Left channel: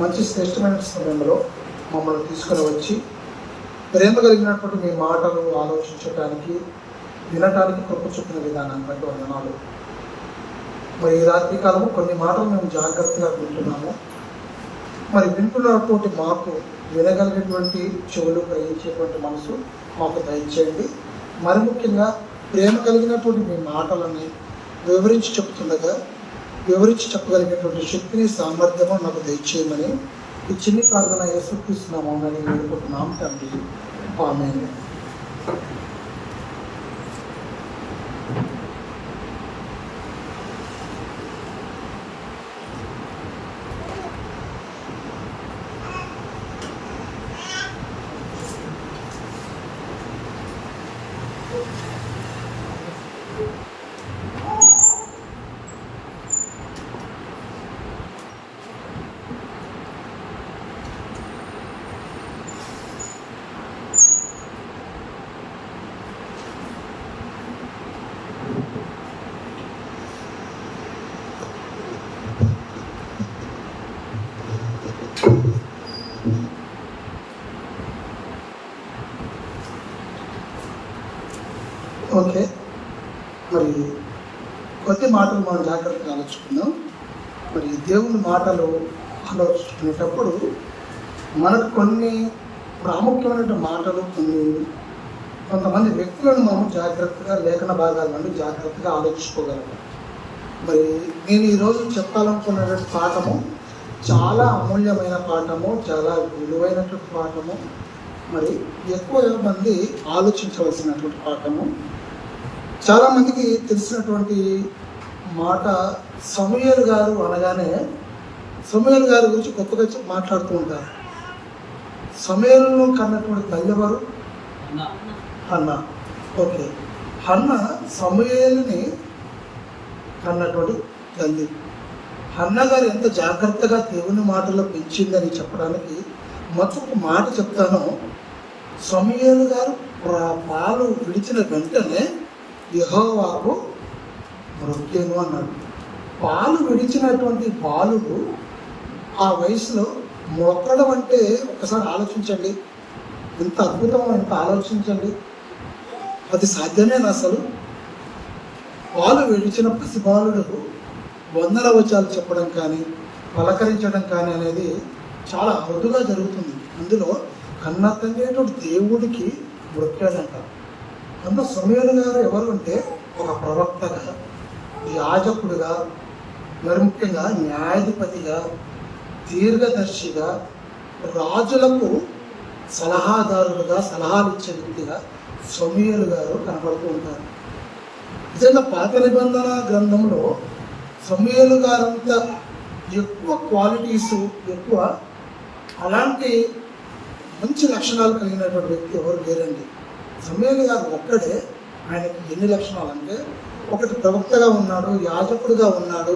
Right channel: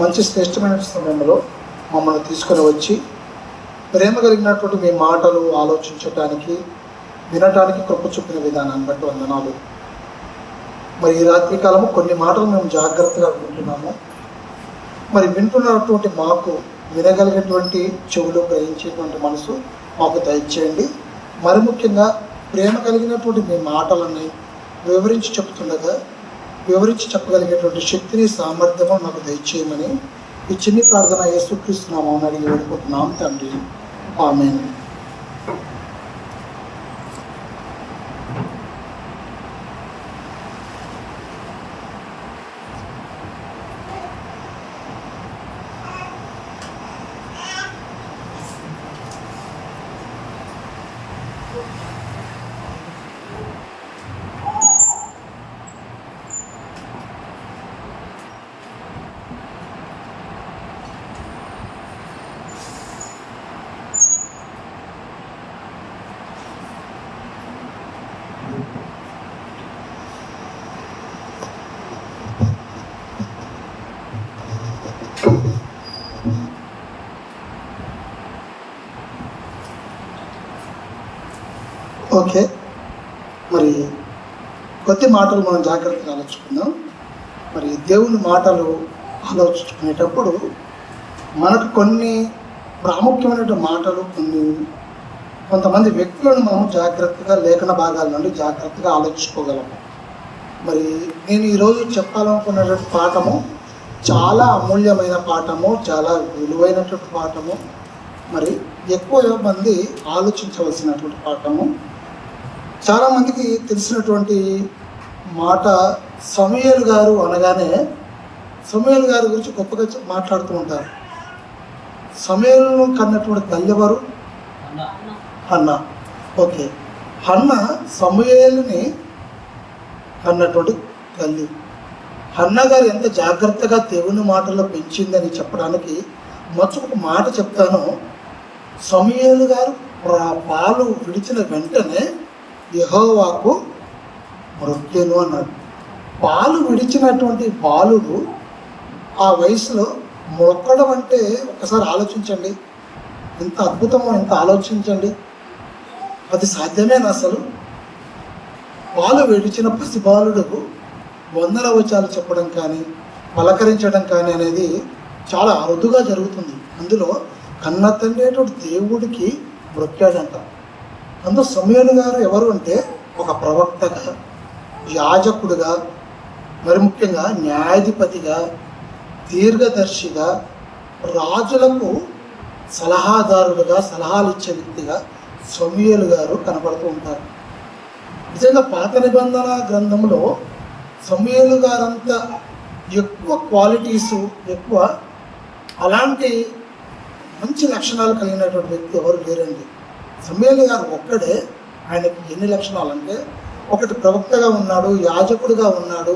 మంచి శ్రేష్టమైన సమయంలో మమ్మల్ని తీసుకొని వచ్చి ప్రేమ కలిగినటువంటి మీ మాటలు ఆలోచించటానికి వినటానికి కృప చూపిన విధానాన్ని బట్టి వందనాలు. మరి ఈ రాత్రి కాలము కొన్ని మాటలు మేము జాగ్రత్తగా వింటున్నాము. మరి వింటున్నటువంటి మాకు వినగలిగేటువంటి చెవులు, గ్రహించేటువంటి మనసు మాకు దయచేయండి. మరి ముఖ్యంగా ప్రేమ కలిగినటువంటి మీ మాటలని వివరించి చెప్పగలిగేటువంటి శక్తిని, సామర్థ్యము మాకు దయచేయమని ఈ చిన్ని ప్రార్థన యేసుక్రీస్తు నామమున అడిగి వేడుకుంటున్నాం తండ్రి. ఆమేన్. ఓకే, మరి కొద్ది మాటలు మనం జాగ్రత్తగా ఆలోచుకుందాం. మరి దేవుని మాటలు ఆలోచించుకునేటప్పుడు మనకు కొన్ని ప్రాముఖ్యమైన మాటలు, కొంతమంది వ్యక్తులను మనం జాగ్రత్తగా లేఖన భాగాల నుండి జాగ్రత్తగా ఆలోచించుకోగలము. మరి నేను ఈరోజు చెప్పాలనుకున్నటువంటి పాఠము చాలా అమూల్యమైన పాఠము, చాలా విలువైనటువంటి పాఠము, మరి ఎక్కువ మంది ఆలోచించవలసినటువంటి పాఠము. చాలా మందికి తెలిసినటువంటి మాట, సమూయేలు గారు అనగానే సమూయేలు గారి గురించి గొప్పగా మాట్లాడుతూ ఉంటారు. సమూయేలును కన్నటువంటి తల్లి ఎవరు? హన్న. ఓకే, హన్న సమూయేలుని కన్నటువంటి తల్లి. హన్న గారు ఎంత జాగ్రత్తగా దేవుని మాటల్లో పెంచిందని చెప్పడానికి మొదటి మాట చెప్తాను. సమూయేలు గారు పాలు విడిచిన వెంటనే యెహోవాకు మొరపెట్టెను అన్నాడు. పాలు విడిచినటువంటి బాలుడు ఆ వయసులో మొక్కడం అంటే ఒకసారి ఆలోచించండి, ఎంత అద్భుతమో, ఎంత ఆలోచించండి. అది సాధ్యమేనా అసలు? పాలు విడిచిన పసిబాలుడు వందల వచనాలు చెప్పడం కానీ, పలకరించడం కానీ అనేది చాలా అరుదుగా జరుగుతుంది. ఇందులో కన్న తండ్రి దేవుడికి మొక్కాడంట. అందులో సమూయేలు గారు ఎవరు అంటే ఒక ప్రవక్తగా, యాజకుడుగా, మరి ముఖ్యంగా న్యాయాధిపతిగా, దీర్ఘదర్శిగా, రాజులకు సలహాదారులుగా, సలహాలు ఇచ్చే వ్యక్తిగా సమూయేలు గారు కనబడుతూ ఉంటారు. నిజంగా పాత నిబంధన గ్రంథంలో సమూయేలు గారంతా ఎక్కువ క్వాలిటీస్, ఎక్కువ అలాంటి మంచి లక్షణాలు కలిగినటువంటి వ్యక్తి ఎవరు లేరండి. సమూయేలు గారు ఒక్కడే. ఆయనకి ఎన్ని లక్షణాలు అంటే, ఒకటి ప్రవక్తగా ఉన్నాడు, యాజకుడుగా ఉన్నాడు,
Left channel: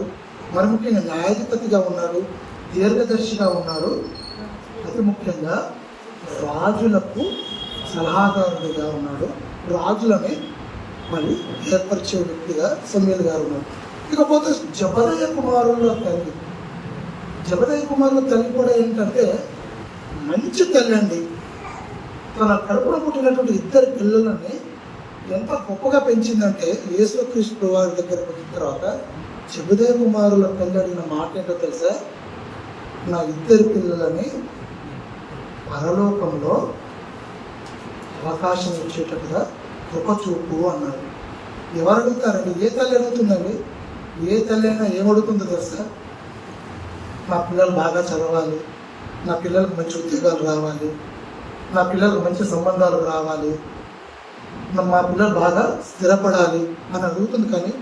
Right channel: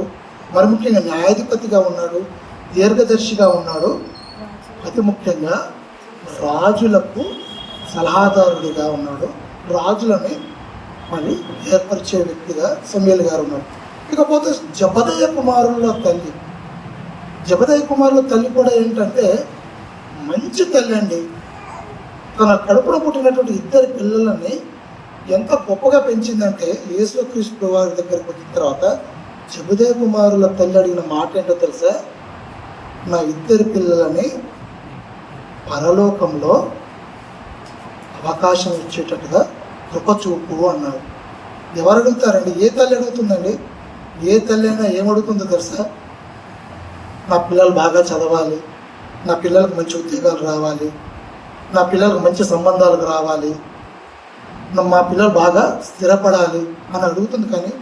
మరి ముఖ్యంగా న్యాయాధిపతిగా ఉన్నాడు, దీర్ఘదర్శిగా ఉన్నాడు, అతి ముఖ్యంగా రాజులకు సలహాదారుడిగా ఉన్నాడు. రాజులని మరి ఏర్పరిచే వ్యక్తిగా సమూయేలు గారు ఉన్నాడు. ఇకపోతే జబదయి కుమారుల తల్లి. జబదయి కుమారుల తల్లి కూడా ఏంటంటే మంచి తల్లి అండి. తన కడుపులో పుట్టినటువంటి ఇద్దరు పిల్లలని ఎంత గొప్పగా పెంచిందంటే, యేసుక్రీస్తు వారి దగ్గరకు వచ్చిన తర్వాత జబదయి కుమారుల తల్లి అడిగిన మాట ఏంటో తెలుసా? నా ఇద్దరు పిల్లలని పరలోకంలో అవకాశం ఇచ్చేటట్టుగా కృప చూపు అన్నారు. ఎవరు అడుగుతారండి? ఏ తల్లి అడుగుతుందండి? ఏ తల్లి అయినా ఏమడుగుతుందో తెలుసా? నా పిల్లలు బాగా చదవాలి, నా పిల్లలకు మంచి ఉద్యోగాలు రావాలి, నా పిల్లలకు మంచి సంబంధాలు రావాలి, మా పిల్లలు బాగా స్థిరపడాలి అని అడుగుతుంది. కానీ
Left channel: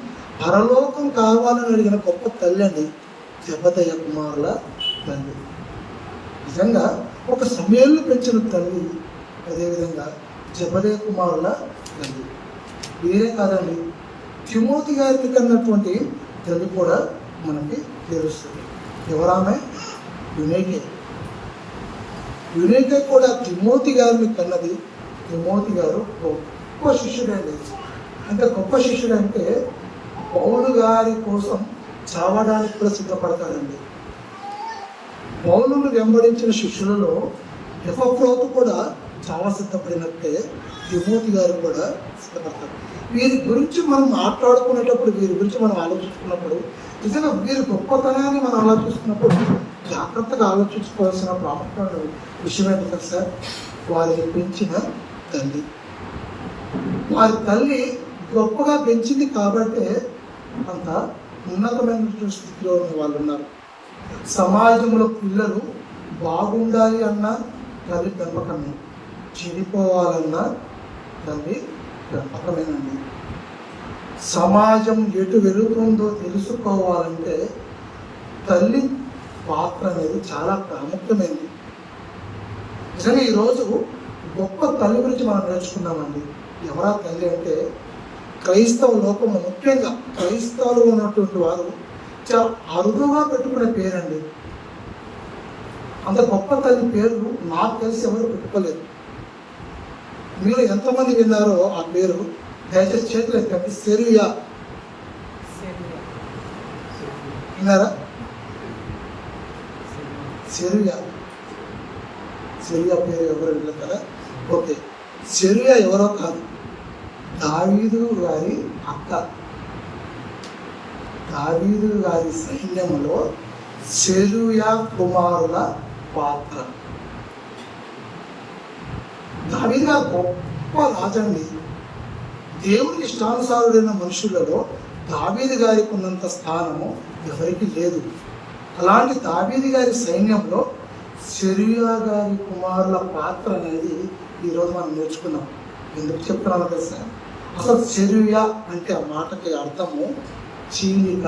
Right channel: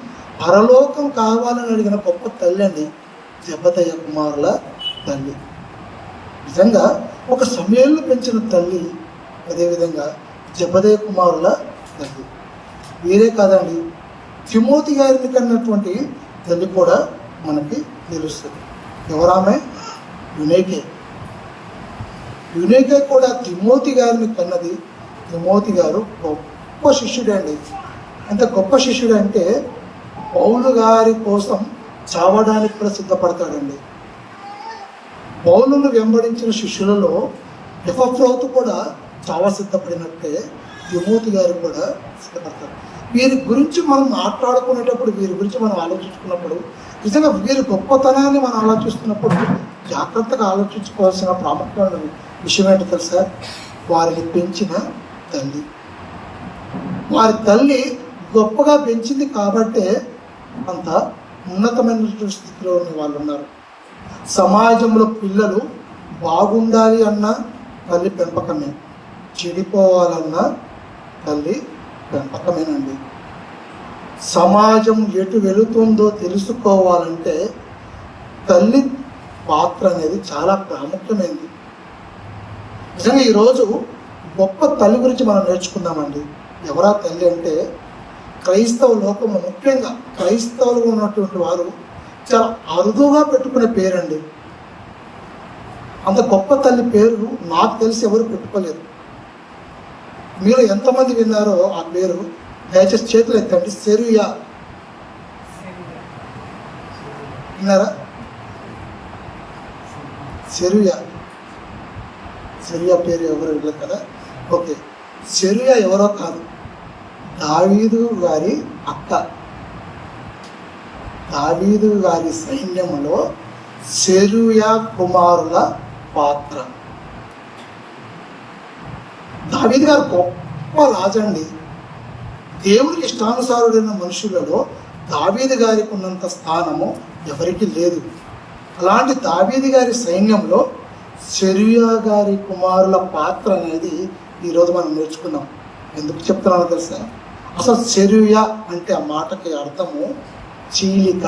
పరలోకం కావాలని అడిగిన గొప్ప తల్లి అండి జబదయి కుమారుల తల్లి. నిజంగా ఒక సమూయేలు పెంచిన తల్లి, అదేవిధంగా జబదయి కుమారుల తల్లి. వీరే కాదండి, తిమోతి గారిని కన్నటువంటి తల్లి కూడా మనకి తెలుస్తుంది. ఎవరామె? యునైకే. యునైకే కూడా తిమోతి గారిని కన్నది. తిమోతి గారు గొప్ప శిష్యుడు అండి. అంత గొప్ప శిష్యుడు అంటే పౌలు గారి కోసం చావడానికి కూడా సిద్ధపడతాడండి. పౌలును వెంబడించిన శిష్యులలో ఎపఫ్రోతు కూడా చాలా సిద్ధపడినట్టే తిమోతి గారు కూడా సిద్ధపడతారు. వీరి గురించి మనం మాట్లాడుకునేటప్పుడు, వీరి గురించి మనం ఆలోచించుకున్నప్పుడు, నిజంగా వీరి గొప్పతనాన్ని మనం ఆలోచిస్తున్నప్పుడు జాగ్రత్తగా ఆలోచించుకోవాల్సిన ప్రాముఖ్యమైన విషయం ఏంటో తెలుసా? వారిని పెంచిన తల్లి. వారి తల్లి గొప్పగా పెంచింది కాబట్టే అంత ఉన్నతమైన స్థితిలో ఉన్న వాళ్ళు ఉన్నారు. సమాజంలో పిల్లలు బాగుండాలి అన్న తల్లి పెంపకమే, చెడిపోవాలన్న తల్లి పెంపకమేనండి. సమాజం ఎటు వెళుతుందో తెలుసుకోవాలంటే తల్లి పాత్ర అనేది చాలా ప్రాముఖ్యమైనది. నిజంగా ఈరోజు గొప్ప తల్లి గురించి మనం నేర్చుకుందామండి. ఎవరా తల్లి అంటే, క్రైస్తవ లోకము, ముఖ్యంగా క్రైస్తవులు ఉన్నటువంటి వారు చాలా అరుదుగా పెట్టుకునే పేరండి. అంత గొప్ప తల్లి పేరు నాకు తెలిసి ఎవరు పెట్టుకోలేరు. మీరు ఎంతమంది విన్నారో ఆ పేరు దయచేసి చేతులు ఎత్తండి. సెరుయా విన్నారా? సెరుయా పేరు ఎవరు విన్నారు కదా? ఓకే, సెరుయా ఎవరో కాదు, దావీదు గారి అక్క. దావీదు గారి సైన్యంలో సెరుయా కుమారుల పాత్ర. దావీదు గారు గొప్ప రాజండి. దేవునికి ఇష్టానుసారుడైన మనుషులలో దావీదు గారికి ఉన్నంత స్థానము ఎవరికి లేదు. అలాంటి దావీదు గారి సైన్యంలో సెరుయా గారి కుమారుల పాత్ర అనేది ఈరోజు మనం నేర్చుకుందాం. ఎందుకు చెప్తున్నానో తెలుసా? అసలు సెరుయా అంటే ఆ మాటకి అర్థము చీలిక,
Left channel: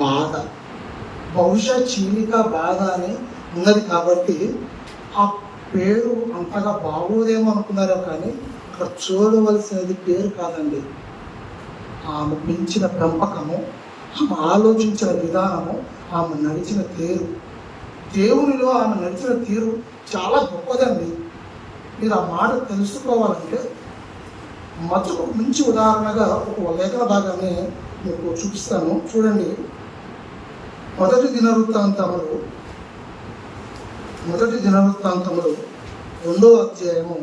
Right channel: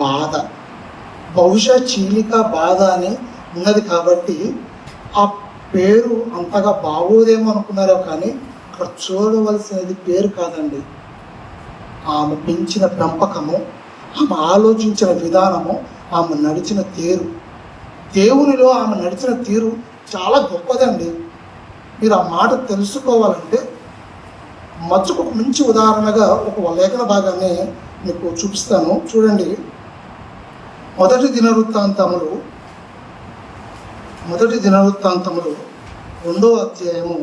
బాధ. బహుశా చీలిక, బాధ అని ఉన్నది కాబట్టి ఆ పేరు అంతగా బాగోదేమో అనుకున్నారో, కానీ అక్కడ చూడవలసినది పేరు కాదండి. ఆమె పెంచిన పెంపకము, ఆమె ఆలోచించిన విధానము, ఆమె నడిచిన తీరు, దేవునిలో ఆమె నడిచిన తీరు చాలా గొప్పదండి. మీరు ఆ మాట తెలుసుకోవాలంటే మచ్చుకు మంచి ఉదాహరణగా ఒక లేఖన భాగాన్ని మీకు చూపిస్తాను. చూడండి, మొదటి దినవృత్తాంతములు 2వ అధ్యాయము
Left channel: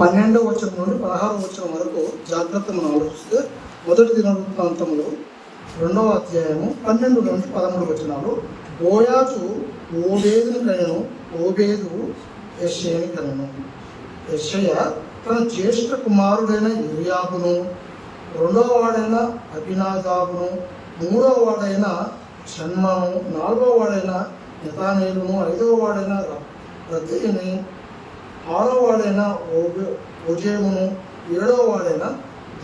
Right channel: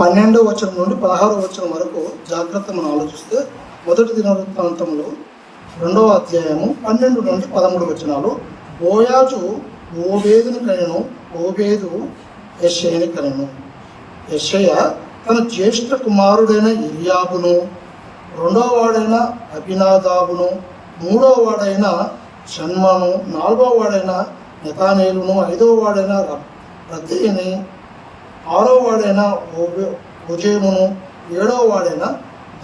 12వ వచనం నుండి 16వ వచనం వరకు జాగ్రత్తగా ఆలోచిస్తే, మొదటి దినవృత్తాంతంలో 2వ అధ్యాయము 12 నుండి 13 వచనాలు. బోయాజు ఓబేదుని కనెను, ఓబేదు యెషయని కనెను. యెషయ తన జ్యేష్ఠ కుమారుడైన ఎలియాబును, 2వ వాడైన అబినాదాబును, 3వ వాడైన షన్మను, 4వ వాడైన నెతానేలును, 5వ వాడైన రద్దీని, 6వ వాడైన ఓజేమును, 7వ వాడైన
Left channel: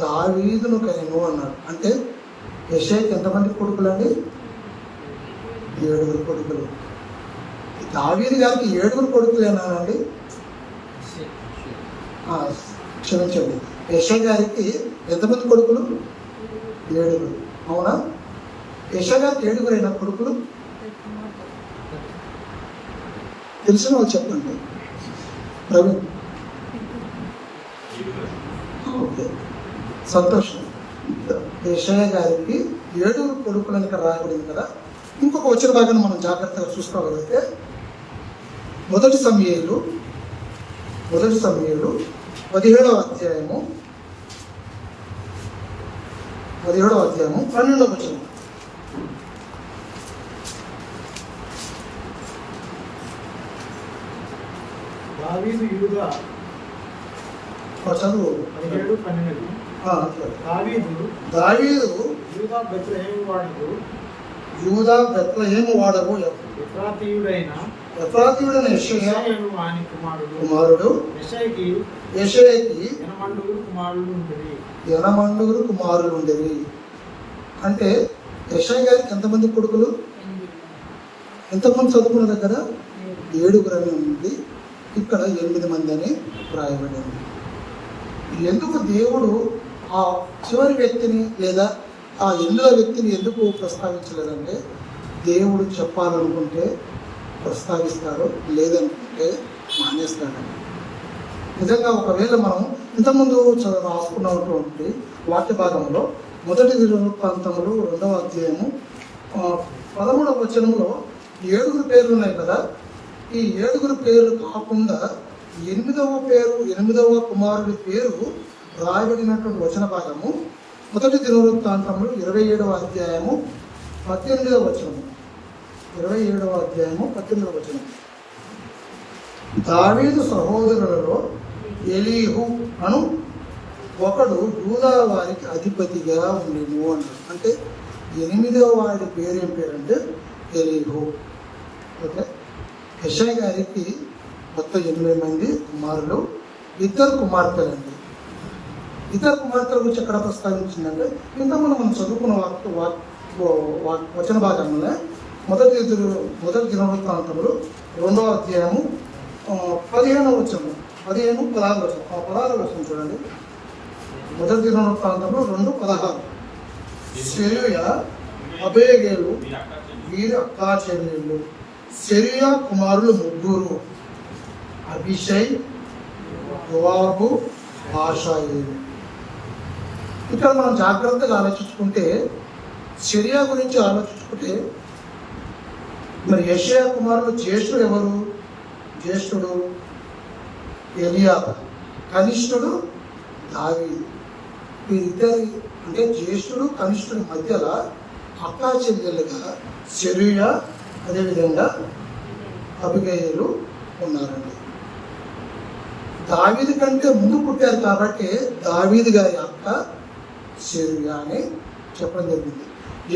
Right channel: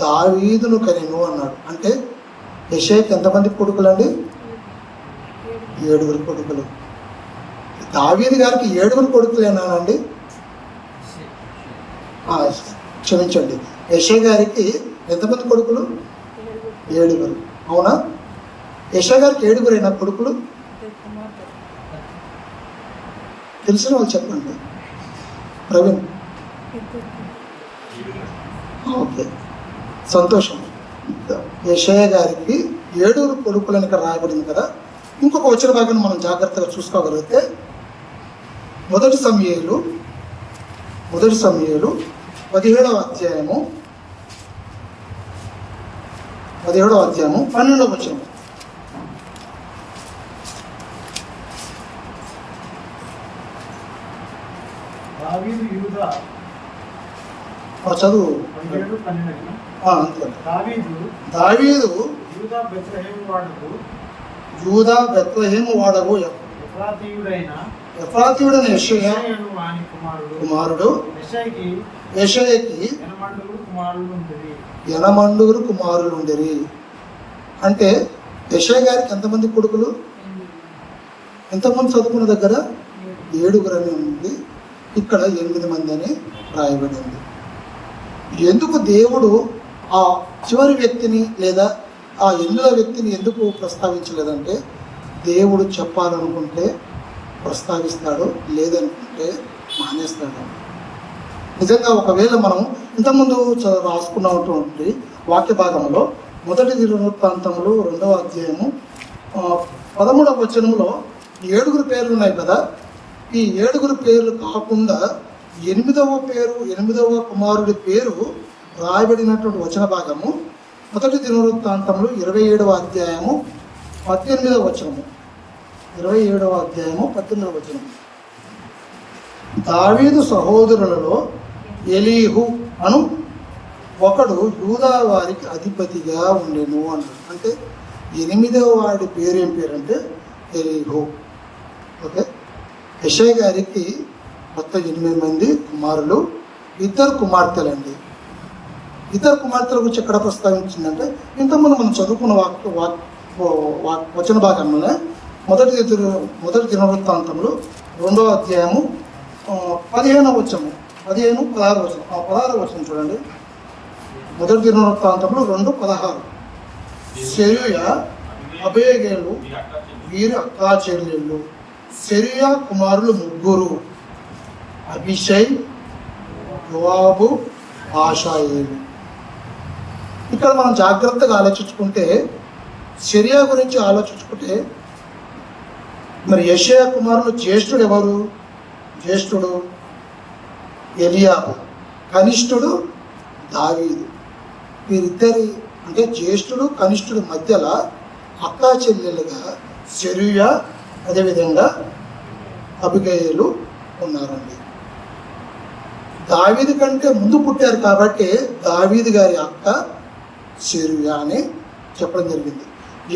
దావీదును కనెను అన్నాడు. అంటే యెషయాకి ఎంతమంది కొడుకులండి? 7 కొడుకులు. దావీదు గారికి 7 కొడుకులేనానండి? క్షమించండి, యెషయా గారికి ఎంతమంది కొడుకులు? 7. అవునా? యెషయా గారికి 7 కొడుకులు. తెలిసిన వాళ్ళు చెప్పండి. ప్రవీణ్? ఓకే, సంతోషం. యెషయా గారికి 7 కొడుకులని ఇక్కడ రాయబడింది కదా. ఇంకొక వచ్చిన భాగాన్ని మనం జాగ్రత్తగా చూసుకోగలిగితే, మొదటి సమూయేలు 17వ అధ్యాయము 12వ వచనం. దావీదు యూదా చదువు. 17:12. దావీదు యూదా బెత్లెహేము వాడగు ఎఫ్రాతీయుడైన యెషయా కుమారుడు యెషయాకి 8 కుమారులు ఉండేవి. అంటే యెషయా గారికి ఎంతమంది కొడుకులు? ఇంతకుముందు చదువుకున్న దగ్గర 7 అని ఉంది, ఇక్కడ 8 మంది అని రాయబడింది. ఎందుకు దేవుడు ఆ చివరి వ్యక్తిని లేదా ఆ 8వ వ్యక్తిని ఎందుకు ప్రస్తావించలేదంటే, దేవుడు చెప్పాలనుకుంటే ప్రస్తావిస్తాడు, లేదనుకుంటే మానేస్తాడు. నిజంగా ఒకవేళ మనం ఇంతకుముందు రాసుకున్నటువంటి వాక్య భాగంలో మొదటి దినవృత్తాంతములు 2వ అధ్యాయము 13వ వచనంలో 7 పేర్లు ఉన్నాయి కదా. ఈ 7 పేర్లు కాకుండా 8వ కుమారుడి పేరు రాయబడినటువంటి వచన భాగము మొదటి దినవృత్తాంతములు 27వ అధ్యాయము 18వ వచనము. 27వ అధ్యాయము 18వ వచనం. దావీదు సహోదరులలో ఎలీహు అను ఒకడు యూదా వారికి అధిపతిగా ఉండెను అని. అంటే 8వ వాడి పేరు ఏం పేరంటే ఎలీహు. ఓకే, యెషయా గారికి మొత్తం 8 మంది కుమారులు, 2 కుమార్తెలండి. 2 కుమార్తెల గురించి ఎక్కడ ప్రస్తావించిందంటే ఇంతకుముందు మనం చదువుకున్న వచన భాగంలోనే మొదటి దినవృత్తాంతంలో 2వ అధ్యాయము 15వ వచనం 16వ వచనం చూడండి. మొదటి దినవృత్తాంతంలో 2:16. సెరూయా అబేగేలు వీరి అక్కా చెల్లెళ్ళు. సెరూయా కుమారులు 3, అభిషై, యోవాబు, ఆషాయేలు. ఇక్కడ మనం జాగ్రత్తగా ఆలోచించుకుంటే, సెరూయా గురించి ఆలోచించుకుంటే, మరి యెషయా కుమారులు జ్యేష్ఠుడు ఎవరు? జ్యేష్ఠుడు ఎలియాబు, కనిష్ఠుడు దావీదు. వీరిద్దరి అంటే జ్యేష్ఠుడు కనిష్ఠుడు మధ్యలో అక్కా చెల్లెలుగా సెరూయా అదేవిధంగా అబిగయలు ఉన్నారండి. దావీదు కంటే ముందు పుట్టారు కాబట్టి దావీదు గారి అక్క సెరూయా అని చెప్పడం జరిగింది.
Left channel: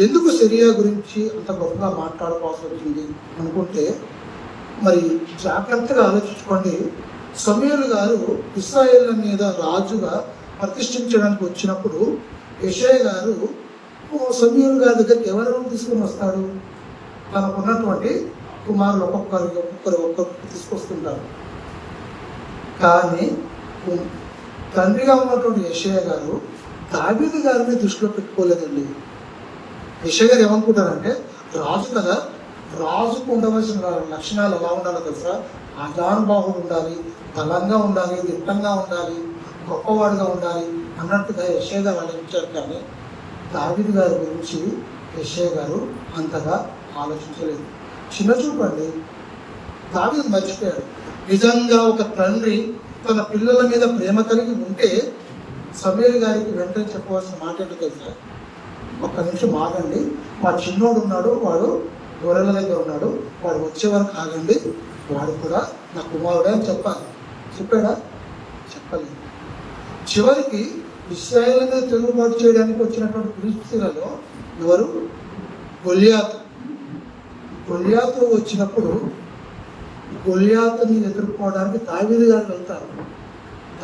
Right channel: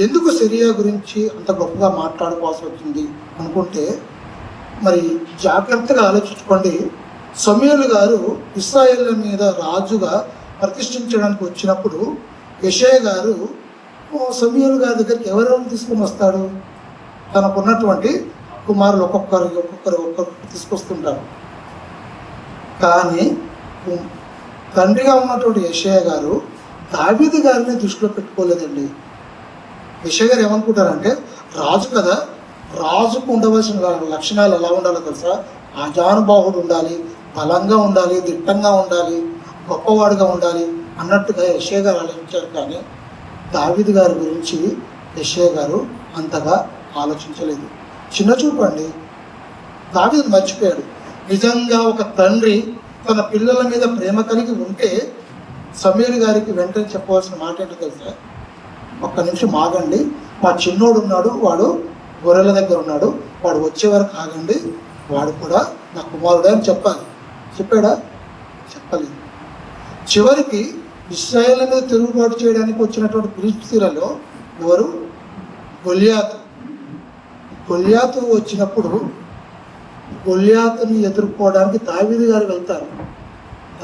ఎందుకు సెరూయా గురించి అంత గొప్పగా మాట్లాడుకోవాల్సి వచ్చింది అనుకుంటే, మరి జాగ్రత్తగా ఆలోచించుకోండి. సమూయేలు గారు ఇశ్రాయేళ్ల మీద రాజుగా ప్రతిష్ఠించడానికి వచ్చినప్పుడు యెషయా గారు సమూయేలు గారి దగ్గరికి ఎవరెవరు తీసుకుని వస్తాడు? తనకున్నటువంటి కుమారులు ఒక్కొక్కరు తీసుకొస్తుంటారు. కానీ తండ్రిగా ఉన్నటువంటి యెషయా గారు దావీదు గారిని దృష్టిలో పెట్టుకోలేదండి. యెషయా గారు ఏమనుకుంటారంటే, రాజు కదా, రాజుకు ఉండవలసిన లక్షణాలు ఎలా ఉండాలో తెలుసా? ఆజానుబాహుడు ఉండాలి, బలంగా ఉండాలి, దిట్టంగా ఉండాలి, గొప్పవాడుగా ఉండాలి అన్నట్టుగా యెషయా గారు ఆలోచించారు. కానీ దావీదు గారి గురించి యెషయా గారు అంతగా ఆలోచించలేదు. చిన్న చూపండి, దావీదు మర్చిపోయాడు. నిజంగా ఒక తండ్రి తన పిల్లల మీద ప్రేమ కలిగి ఉంటే సమూయేలు గారికి వెంటనే చెప్పవలసిన మాట ఏంటి తెలుసా? ఒక్క నిమిషం ఆగండి, మా చిన్నోడు ఉన్నాడు, వాడు గొర్రెల దగ్గర ఉన్నాడు, వాడు వచ్చే వరకు ఆగండి, వాడు కూడా మా కుమారుడే అని చెప్పాలి. చెప్పాడా? చెప్పలేదు. చివరికి ఇశ్రాయేలు మీద తిరుగుబాటు చేయడానికి వచ్చినటువంటి ఫిలిష్తీయులలో ఎవరు? గొల్యాతు వచ్చినప్పుడు గొల్యాతుని ఎదుర్కోవడానికి దావీదు గారు వెళ్తారు.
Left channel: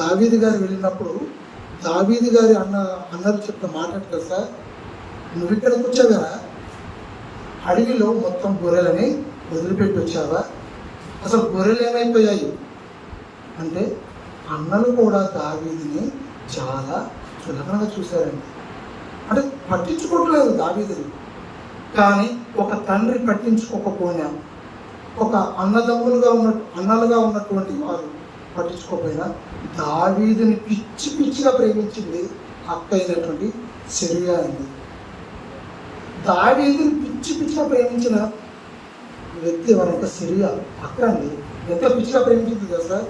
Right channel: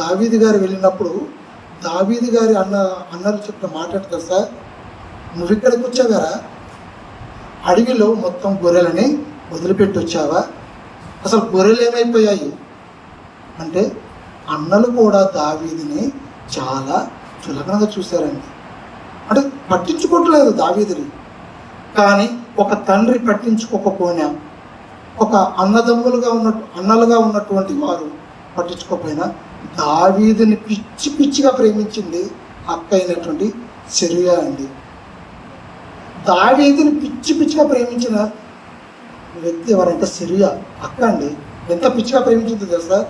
దావీదు గారు వెళ్ళినప్పుడు దావీదు గారి అన్నలు చెప్పిన మాట తెలుసా? నువ్వు ఇక్కడికి వచ్చావారా? అడవిలో మొత్తం గొర్రెలని వదిలిపెట్టి వచ్చావా? అసలు గొర్రెలు ఏమైపోయాయి అంటే, అన్నలు కూడా దావీదుని చాలా చులకనగా చూశారండి. అంటే పట్టించుకోవట్లేదు దావీదుని. కానీ ఒక తండ్రి పట్టించుకోకపోయినా, ఒక అన్నలుగా ఉన్నటువంటి వారు పట్టించుకోకపోయినా, దావీదుని పిచ్చిగా ప్రేమించింది అక్క అయినటువంటి సెరూయా అండి. దావీదుని పిచ్చిగా ప్రేమించిన వ్యక్తి ఎవరంటే సెరూయా అక్క అండి. ఎంత పిచ్చిగా ప్రేమించింది తెలుసా?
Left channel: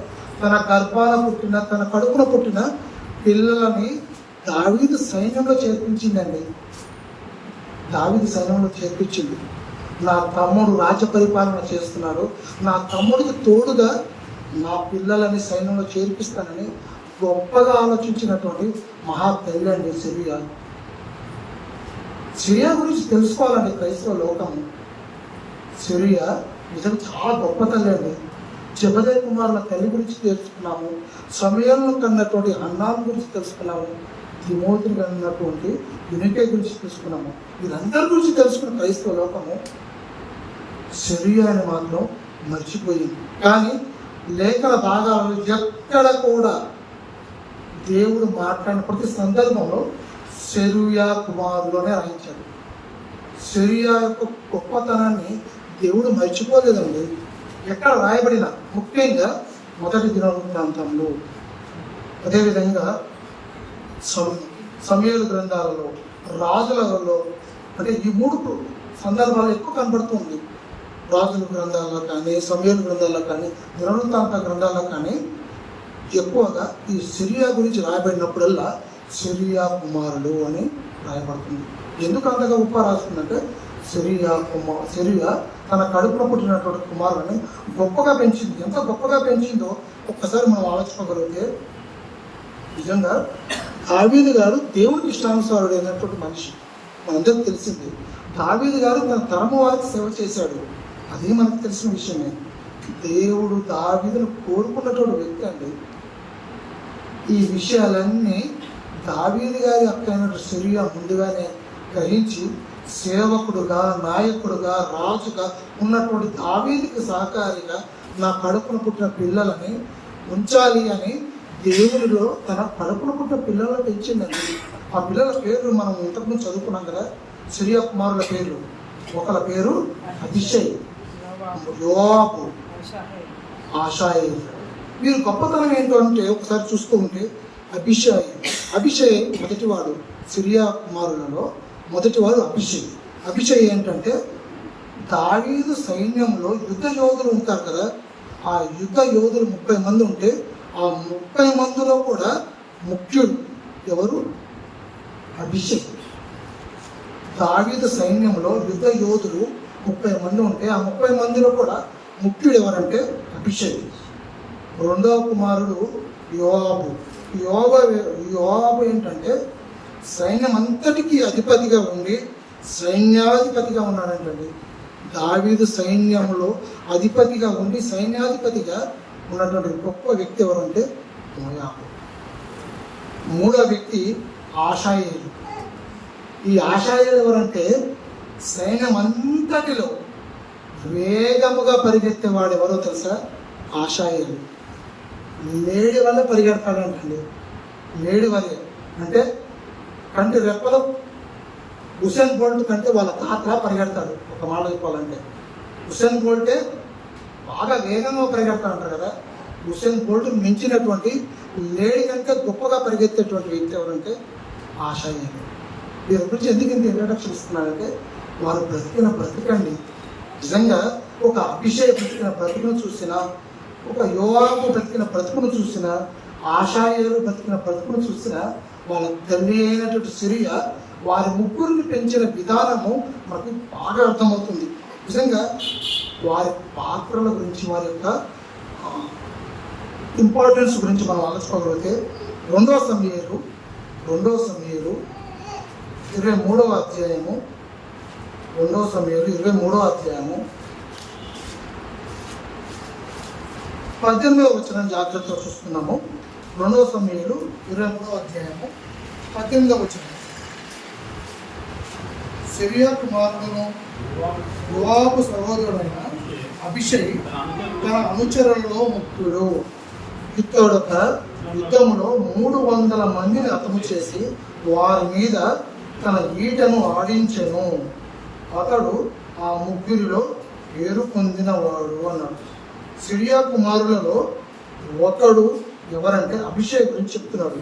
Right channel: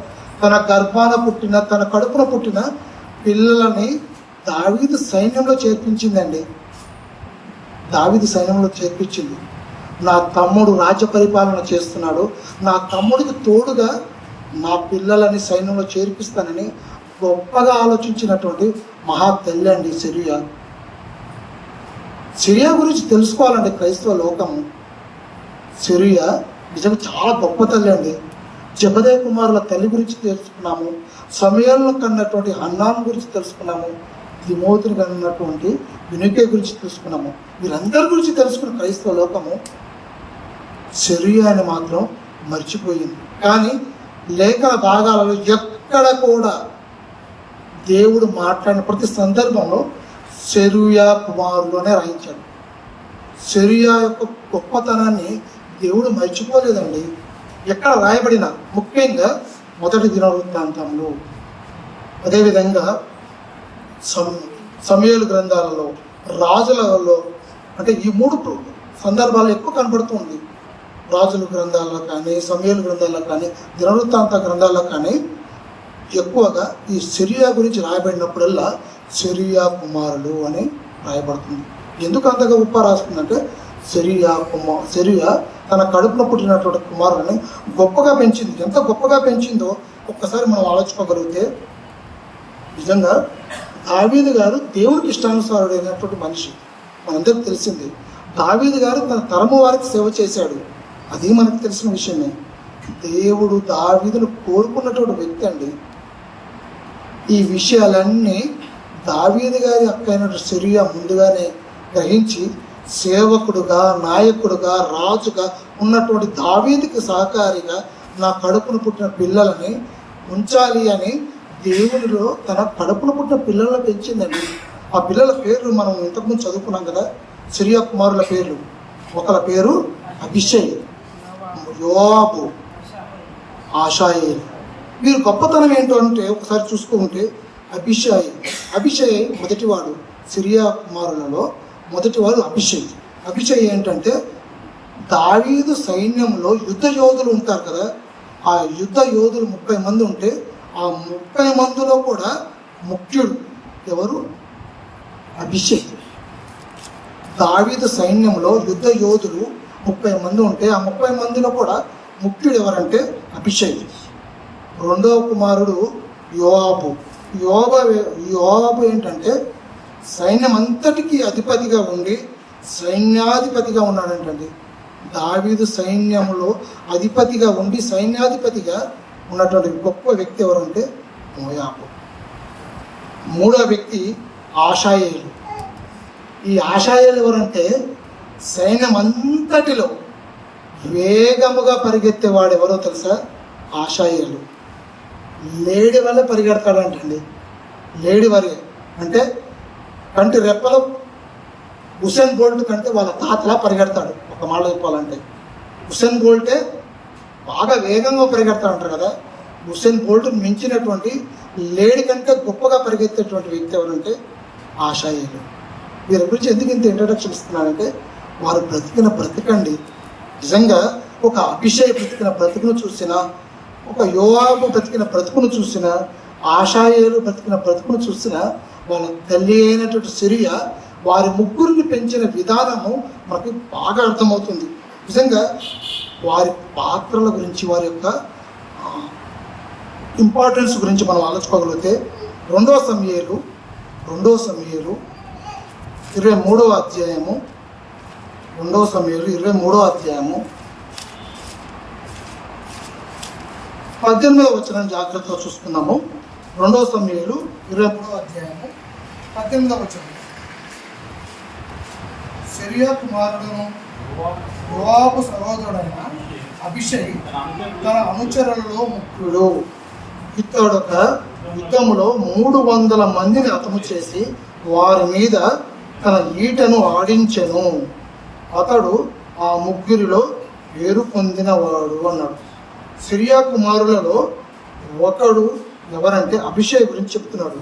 తన గర్భాన పుట్టిన, తన కడుపున పుట్టిన పిల్లలని దావీదు సైన్యంలో చేర్పించిందండి. దావీదు సైన్యంలో చేర్పించింది. నా తమ్ముడు రాజ్య పరిపాలన చేస్తున్నాడు, నా తమ్ముడికి తోడుగా నా పిల్లలని సైన్యంలో చేర్పిస్తానని గొప్పగా ఆలోచించినటువంటి మహా తల్లి అండి సెరూయా. సెరూయా గురించి తెలుసుకోవాలండి క్రైస్తవ లోకము. సెరూయా నిజంగా చాలా గొప్ప తల్లి అండి. జెబెదయి కుమారుల తల్లి గురించి తెలుసుకున్నాము, సమూయేలును కన్నటువంటి హన్నాను గురించి తెలుసుకున్నాము, తిమోతిని కన్నటువంటి యూనికే గురించి తెలుసుకున్నాము. వీరందరి గురించి తెలుసుకున్న క్రైస్తవ లోకము సెరూయాని మాత్రం మర్చిపోయింది. కానీ లేఖన భాగాలలో ఎక్కడ కూడా దేవుడు మాట్లాడిన ప్రతి సందర్భంలో సెరూయా కుమారులోనే రాయించాడు. సెరూయా యొక్క గొప్పతనాన్ని దేవుడు మర్చిపోలేదండి. ఎక్కడ రాయబడిన, ముఖ్యంగా మొదటి దినవృత్తాంతంలో అదేవిధంగా సమూయేలు గ్రంథాలలో, రాజులలో, అంటే ఈ 3 సందర్భాలు ఎక్కువ కనబడుతుంది. రాజుల గ్రంథాల్లో కానీ, సమూయేలు గ్రంథాల్లో కానీ, దినవృత్తాంత గ్రంథాల్లో కానీ ఎక్కువగా ఈ సిరియా గురించి రాయబడినప్పుడల్లా సిరియా కుమారులు అని రాయబడుతుంది. ఎందుకు అంతగా గొప్ప రాస్తుందంటే సిరియా తన కడుపులో పుట్టినటువంటి కుమారుని గొప్పగా పెంచింది. ఎంత గొప్పగా పెంచిందో ఒక్కసారి మనం ఆలోచించగలిగితే, నిజంగా దావీదు గారు దేవునికి ఇష్టానుసారుడైనటువంటి మనిషి, మనందరికీ తెలిసింది. దావీదు గారు తన తరము వారికి సేవ చేశాడు, అది మనకు తెలిసిన విషయమే. దేవుడు దావీదును కోరుకున్నటువంటి వ్యక్తి అండి. ఈ విషయాలన్నీ దావీదు గారి అక్కైనటువంటి సిరియా ముందుగానే గ్రహించి సేవకుడుగా, నాయకుడుగా, రాజుగా ఉన్నటువంటి దావీదుకి సహకారిగా నా కడుపును పుట్టిన పిల్లలని ఉంచాలి అని దేవుడిలో తన కడుపును పుట్టిన పిల్లలను పెంచిందండి. ఆ పిల్లల పేర్లు మనం ఇంతకుముందు చదువుకున్నాం కదా, సిరియా కుమారుల పేర్లు. ఒకళ్ళ పేరు అభిషేక్, యోవాబు, ఆషాయేలు. వీరు గొప్పతనం ఏంటో అంటే ఒకసారి చూసుకుంటే అభిషేక్ మొదటివాడు. సిరియా కుమారులలో మొదటివాడు అభిషేక్ ఏంటంటే దావీదు సైన్యంలో యుద్ధ యోధులు ఉంటారు కదా, ఆ యుద్ధ యోధులు 30 మంది ఉంటే ఆ 30 మందిలో కూడా ముఖ్యుడు ఎవరు? అభిషేక్. దావీదు సైన్యంలో యుద్ధ యోధులు 30 మంది ఉంటే ఆ 30 మందిలో కూడా ముఖ్యుడు ఎవరంటే అభిషేక్. రెండవ కుమారుడు యోవాబు ఏంటంటే సైన్యం అంతటికీ అధిపతిగా ఉండి సైన్యాధిపతిగా ఉన్నాడంటండి. దావీదు సైన్యంలో అధిపతిగా ఉండి సైన్యాధిపతిగా ఉన్నటువంటి గొప్ప వ్యక్తి ఎవరంటే యోవాబు. మూడవ వ్యక్తి ఆషాయేలు. ఈ ఆషాయేలు ఎవరంటే సైన్యం అంతటిలో వేగముగా పరిగెత్తేవాడు ఎవరో తెలుసా? ఆషాయేలు. లేడి వల్ల పరిగెడతాడంటండి. లేడి వరే అంటే కంటి రెప్పలు హుసేన్ బోల్ట్ కంటే వాళ్ళ తాతలా పరిగెడతాడు. ఒక మాట చెప్పాలంటే హుసేన్ బోల్టే బాగా వేగంగా పరిగెడతాడంటారు కదా, హుసేన్ బోల్ట్ మించినటువంటి లేడి కంటే గొప్పగా పరిగెత్తేటువంటి వ్యక్తి ఎవరంటే ఆషాయేలు. వీరి గురించి ఎందుకు ఇంత ఇంట్రడక్షన్ ఇస్తున్నానంటే వారు బ్రతికిన బ్రతికండి. నిజంగా ఒక అభిషేక్ బ్రతికిన బ్రతుకును చూసినా, ఒక యోవాబు బ్రతికిన బ్రతుకును చూసినా, ఆషాయేలు బ్రతికిన బ్రతుకును చూసినా, వాళ్ళ తల్లి అయినటువంటి సిరియా వారి ముగ్గురిని పెంచిన విధానము మనకు బాగా అర్థమవుతుంది. నిజంగా వారి పాత్రల గురించి, వారి యొక్క ఇంపార్టెన్స్ గురించి మనం ఆలోచించుకోగలిగితే 2 సమూయేలు 23వ అధ్యాయము 2 సమూయేలు 23వ అధ్యాయము 18వ వచనం జాగ్రత్తగా చూసుకున్నాము. 2 సమూయేలు 23వ అధ్యాయము 18వ వచనం. సిరియా కుమారుడును యోవాబు సహోదరుడైన అభిషేక్ తన అనుచరులలో ముఖ్యుడు. ఇతడొక యుద్ధములో 300 మందిని హతము చేసి వారి మీద తన ఈటను ఆడించెను. అతడు ఆ ముగ్గురిలో పేరు పొందినవాడు అన్నాడు. సిరియా కుమారులలో ఒకడు ఎవరంటే అభిషేక్ గురించి చెప్తున్నాడు.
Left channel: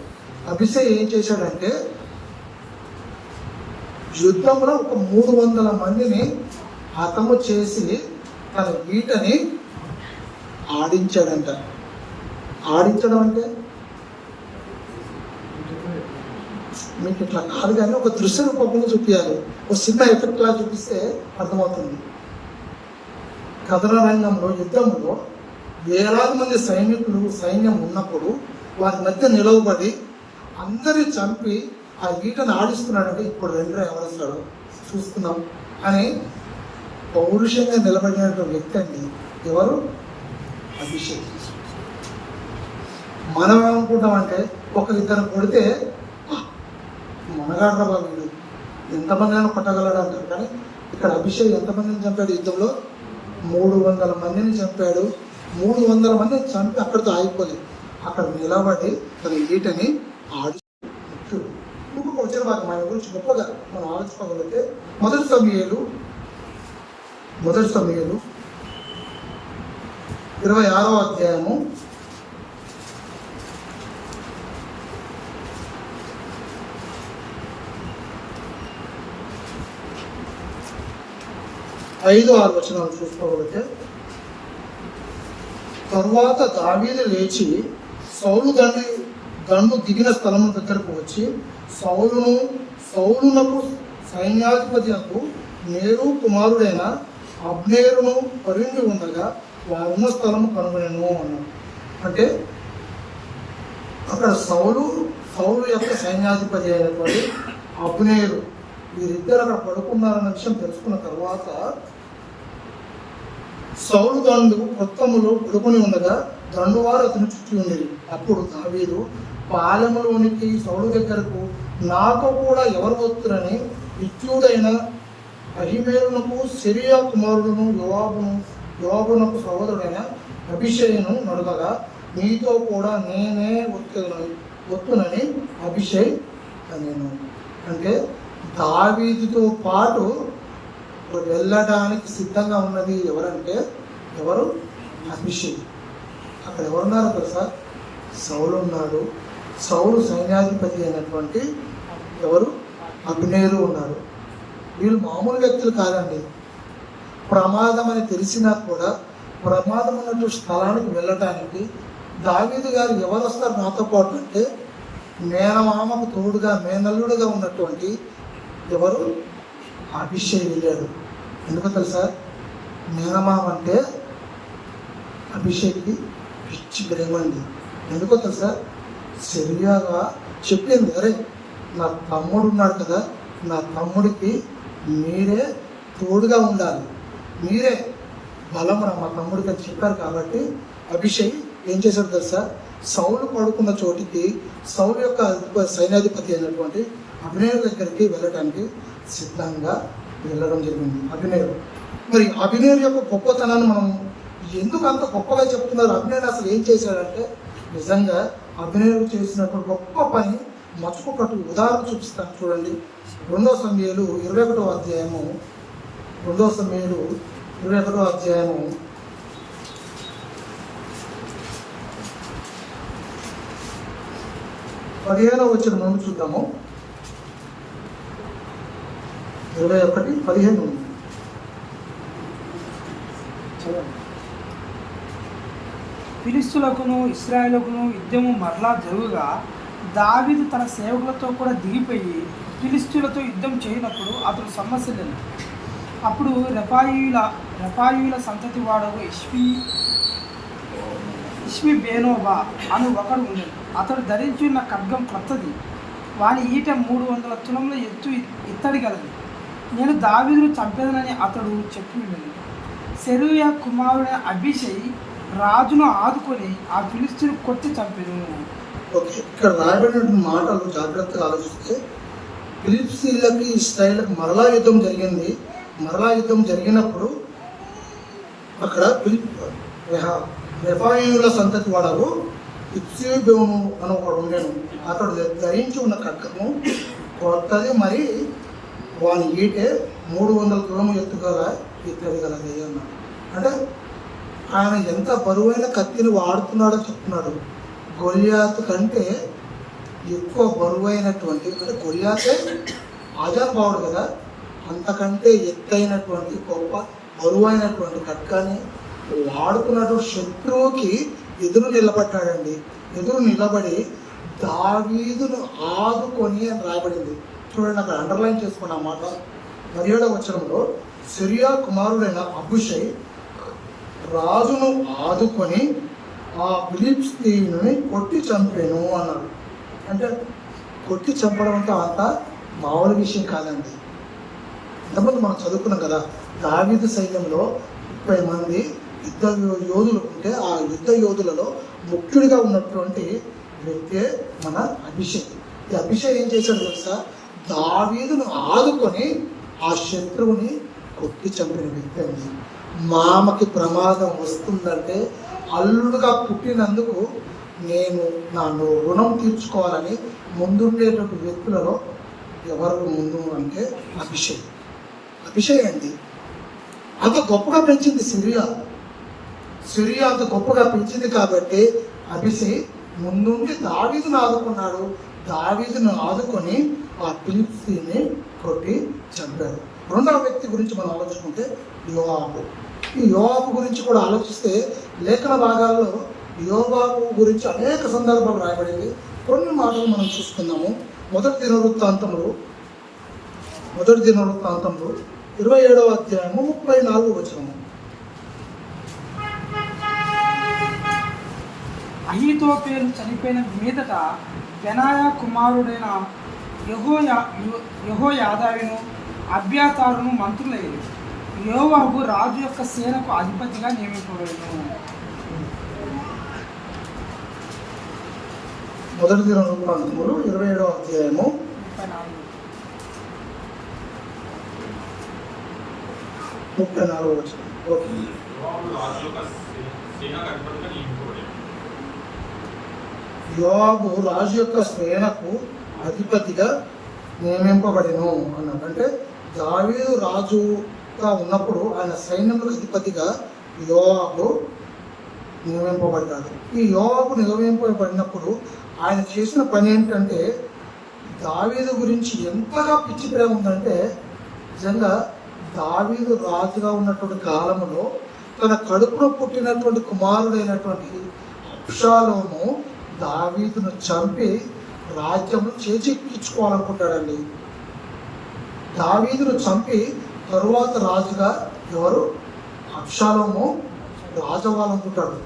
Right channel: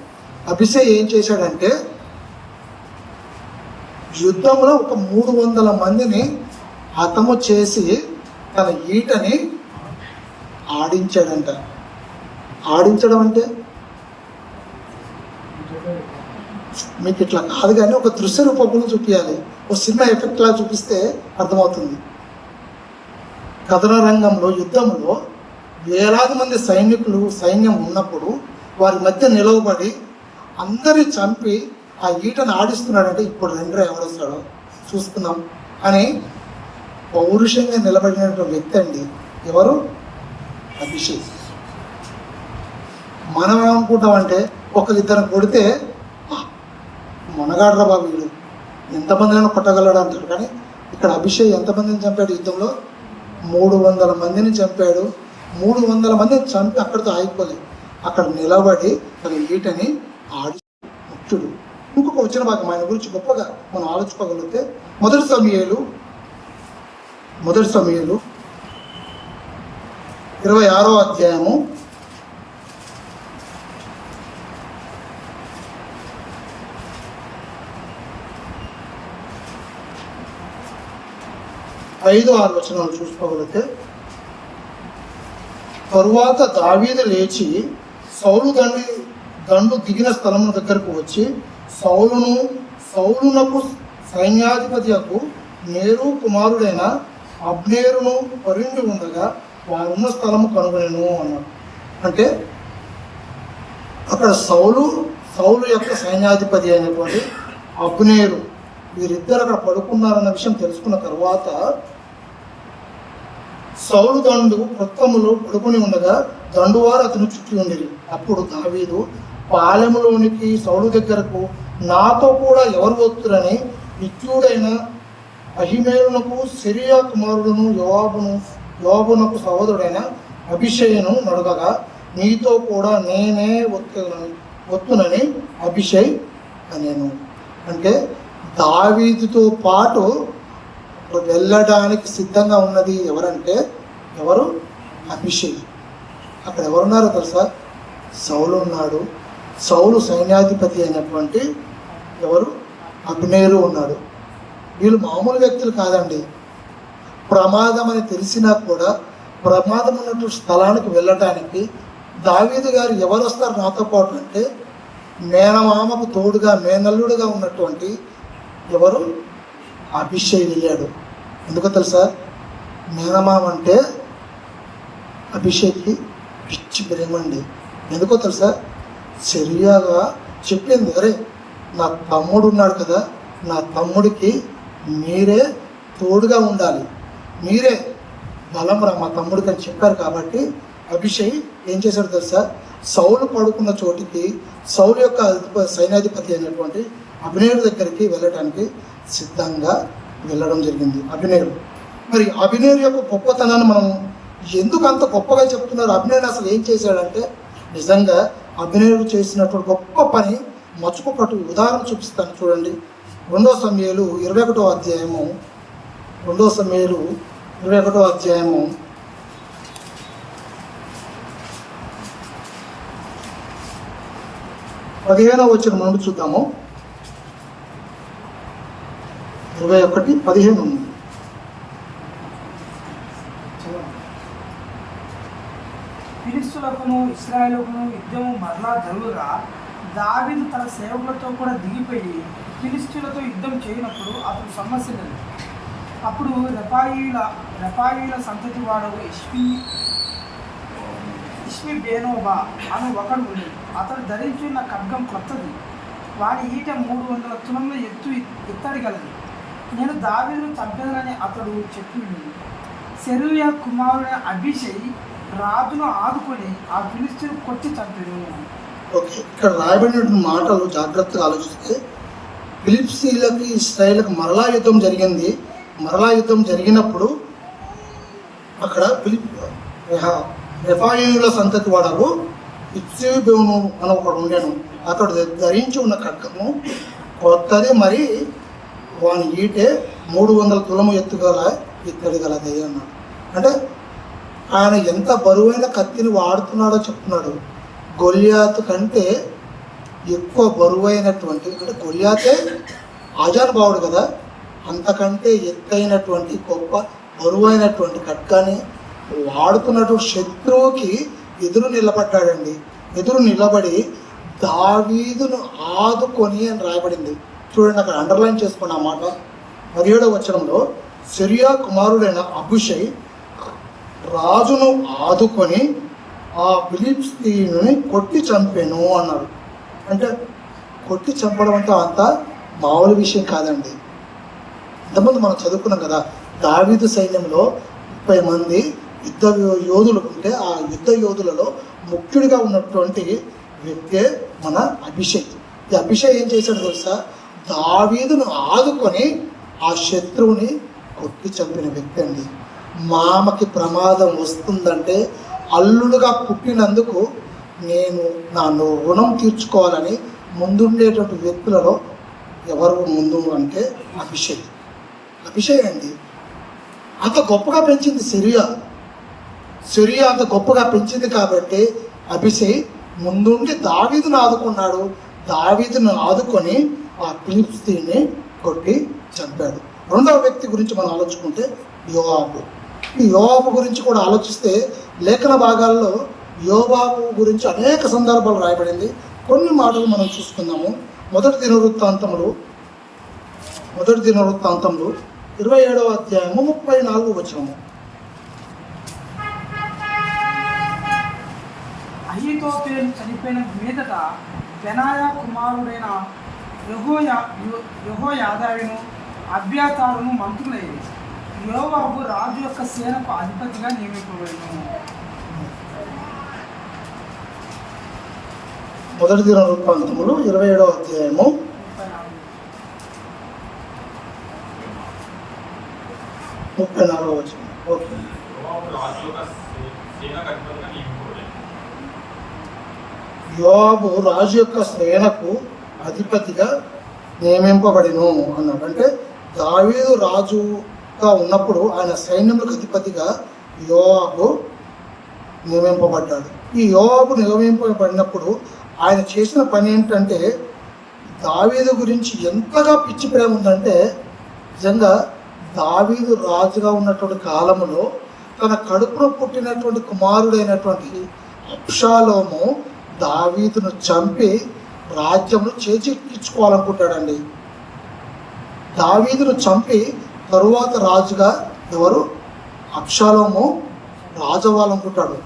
అభిషేక్ ఏం చేశాడంటే యుద్ధంలో ఒక 300 మందిని హతము చేసి తన ఈటని ఆడించాడంట. ఆడించడం అంటే మీకు ఇట్లా కాదు కానీ ఒక దృశ్య రూపంలో చూపించాలి. ఒక సినిమా ఎఫెక్ట్ లా చూపిస్తే అర్థమవుతుంది. కథన రంగంలో యుద్ధంలో వేలాది మంది సైన్యం ఉన్నప్పుడు వారి మధ్య నిలవబడి అందరినీ చంపి ఆ ఈటను ఆడిస్తున్నాడంటే ఇప్పుడు రెండో ఎవరు వస్తాడో చూసుకుందాం అని పౌరుషంగా నిలబడినటువంటి వ్యక్తి అండి. ఎవరు? అభిషేక్. మనం ఏమనుకుంటామంటే ఒకరిద్దరు కొడితే మొనగాడ్రా బాబు వీడు ఎంతమందిని కొట్టగలడు అంటాడు. కానీ ఇక్కడ అభిషేక్ ఎంతమందిని చంపాడు? యుద్ధంలో 300 మందిని చంపాడు. 300 మందిని చంపి అక్కడితో ఆగిపోలేదు. అక్కడ నిలబడి తన ఈటని ఆడి ముఖ్యుడు. ఇంకొక వచ్చిన భాగం ఆయన గురించి గొప్పగా మనం ఆలోచించుకోగలిగితే మొదటి సమూయేలు 26వ అధ్యాయము 5-6 వచనాలు చూసుకోగలిగితే, తరువాత దావీదు లేచి సౌలు దండు దిగిన స్థలం దగ్గరకు వచ్చి సౌలునకు సైన్యాధిపతియకు నేరు కుమారుడైన అబ్నేరును పరుండి ఉండగా వారున్న స్థలము కనుగొనెను అన్నాడు. అంటే అక్కడ సౌలు యొక్క సైన్యాధిపతి అయినటువంటి అబ్నేరు వీరిద్దరు అక్కడ పడుకున్నారన్న విషయం తెలుసుకున్న తర్వాత సౌలు దండు వృత్తములో పడుకుని ఉండగా దండువారు అతను చుట్టి ఉండేది. అప్పుడు దావీదు పాలెములోనికి సౌలు దగ్గరకు నాతో కూడా ఎవరు వస్తురని ఇచ్చుడైన అహిమేలునకు సిరియా కుమారుడును యోవాబునకు సహోదరుడైన అభిషేయును నడవగా నీతో కూడా నేనే వస్తునని అభిషేక్ అనేను. అంటే దావీదుతో పాటు వెళ్ళడానికి సిద్ధంగా ఉన్నది ఎవరు? అభిషేక్. అక్కడ ఎవరున్నారో తెలుసా? సౌలు ఉన్నాడు. సౌలు సైన్యాధిపతి అయినటువంటి అబ్నేరు ఉన్నాడు. వీళ్ళు మామూలు వ్యక్తులు కాదండి. ప్రమాదం అని తెలిసినా కూడా ప్రమాదం ఉన్నటువంటి స్థలానికి వెళ్ళటానికి దావీదు గారు ఎవరు వస్తారు నాతో పాటు అంటే మేనమామకు తోడుగా మేనల్లుడుగా ఉన్నటువంటి అభిషేక్ వెళ్ళాడు. ఎందుకో తెలుసా? మేనమామ అంటే అభిషేక్కి పిచ్చి ప్రేమండి. ఎందుకో తెలుసా? సరియాగా చెప్పింది, అరే నా తమ్ముడు ఉన్నాడు కదా, నా తమ్ముడికి మీరే తోడుగా ఉండాలి, మీరే బలం రా మా తమ్ముడికి అని చెప్పారు. కాబట్టి అభిషేక్ ఏం చేశాడు తెలుసా? సౌలు పడుకున్న చోటికి సౌలు యొక్క సైన్యాధిపతి అయినటువంటి అభినేరు దగ్గరికి వెళ్ళడానికి సిద్ధంగా వెళ్ళడం జరిగింది అభినేరు. మరి అభినేరు యొక్క గొప్పతనాన్ని మనం ఎందుకు అంత గొప్పగా చెప్తున్నారు? అభినేరు అసలు ఏం చేశాడంటే, నిజంగా అభినేరు చేసినటువంటి గొప్ప పని మర్చిపోకట్టు ఉదాహరణ చూపిస్తాను చూడండి. 2 సమూయేలు 21వ అధ్యాయము 15వ వచనం నుండి చూద్దాము. 21:15 ఉంది. ఫిలిష్తులకును ఇశ్రాయేలుకును యుద్ధము మరలా జరుగుగా దావీదు తన సేవకులతో కూడా దిగిపోయి ఫిలిష్తులతో యుద్ధం చేయనప్పుడు అతడు సమస్యలేదు. అప్పుడు రెఫాయీల సంతతి వాడకు ఇష్మి బేనోబా అని ఒకడు ఉండేది. అతడు ధరించిన ఖడ్గం కొత్తది, వాని ఈట 300 తులముల ఎత్తడి గలది. నేను దావీదును చంపేదనని అతడు చెప్పినది. సెరూయా కుమారుడైన అభిషేక్ రాజును ఆదుకొని ఆ ఫిలిష్తీయుని కొట్టి చంపాను. ఇక్కడ రాయబడిన మాటలు జాగ్రత్తగా ఆలోచిస్తే ఫిలిష్తీయులకి ఇశ్రాయేలుకి మరలా యుద్ధం జరిగింది. మరలా యుద్ధం జరిగినప్పుడు అక్కడ రెఫాయీయుల సంతతి వాడవు ఇత్సేబోను అని ఒకడు ఉండేను. అతడు ధరించి ఉన్న ఖడ్గము కొత్తది, మరి వాని ఈటే 300 తులము ఎత్తుగల ఇత్తడి గలది అన్నాడు. అంటే ఆయన ఎంత బరువైన కత్తిని వాడుతున్నాడో చెప్తున్నాడు. గొల్యాతు కంటే ఎక్కువ బరువైనటువంటి, అంటే గొల్యాతే ఆజానుభావుడు కదా, అంతకంటే ఎత్తైనటువంటి గొప్ప బరువైనటువంటి ఖడ్గాన్ని వాడుతున్నటువంటి శత్రువుకి ఎదురు నిలబడ్డాడండి. ఎదురు నిలబడి దావీదును ఆదుకొని అని రాయబడింది. చూడండి, అక్కడ అండర్లైన్ చేసుకున్న మాట 17వ వచనంలో సిరియా కుమారుడైన అభిషేక్ రాజును ఆదుకొని ఆ ఫిలిష్తీయుని కొట్టి చంపాను అన్నాడు. అంటే కొట్టి చంపడంతో అంత మామూలు విషయం కాదండి. ఇంతకుముందు మనం చదువుకున్నాం కదా, దావీదు సైన్యంలో 30 మంది యుద్ధ యోధులు ఉంటే ఆ యుద్ధ యోధులలో ముఖ్యుడిగా ఉన్నటువంటి వ్యక్తే మన అభిషేక్. ఈ అభిషేక్ ఏం చేశాడు తెలుసా? దావీదును ఆదుకొని ఆ శత్రువుని కొట్టి చంపిన వ్యక్తి అండి. మామకి ప్రమాదం వస్తుందంటే అల్లుడుగా పుట్టినందుకు నేను నా రుణం తీర్చుకోవాలని ముందుండేటువంటి వ్యక్తులలో ఎవరు ముందు అంటే అభిషేక్ అండి. అంత గొప్పగా పెంచింది సిరియా అంత గొప్పగా పెంచింది కాబట్టి అభిషేక్ ముందుండి దావీదును ఆదుకున్నాడు. దావీదును ఆదుకొని ఆ ఫిలిష్తీయుని కొట్టి చంపాడు. రెండవ వ్యక్తి గురించి మనం ఆలోచుకుంటే యోవాబు. ఈ యోవాబు గురించి కూడా ఆలోచిస్తే లేఖన భాగాల్లో యోవాబు గురించి అనేక సందర్భాలు రాయబడింది. కొన్ని మాటలు మనం చూసుకుందాము. మొదటి దినవృత్తాంతంలో 27వ అధ్యాయము 34వ వచనం. అహీతోపెలు చనిపోయిన మీదట బెనాయా కుమారుడైన యెహోయాదాయును అబ్యాతారును మంత్రులయ్యారు. యోవాబు రాజు యొక్క సేనకు అధిపతిగా నియమింపబడింది. మొదటి దినవృత్తాంతములు 27వ అధ్యాయము 34వ వచనం. ఓకే. యోవాబు రాజు యొక్క సేనకు అధిపతిగా నియమింపబడిను అన్నాడు. అంటే దావీదు రాజుగా ఉన్నప్పుడు ఆయన సైన్యములకు అధిపతిగా యోవాబు నియమింపబడ్డాడు. ఈ యోవాబు నియమింపబడినప్పుడు ఆయన చేసిన పని ఏంటంటే, దావీదు గురించి ఎంతగా పిచ్చి ప్రేమ ఉందంటే, నిజంగా దావీదు రాజుగా ఉన్నటువంటి కాలంలో తన కడుపున పుట్టినటువంటి కుమారుడైనటువంటి అబ్షాలోము దావీదును చంపి రాజ్యమును చేజిక్కించుకోవాలనుకుంటాడండి. దావీదును చంపి తరువాత రాజుగా ఎవరు? అబ్షాలోము రాజు అవ్వాలనుకుంటాడు.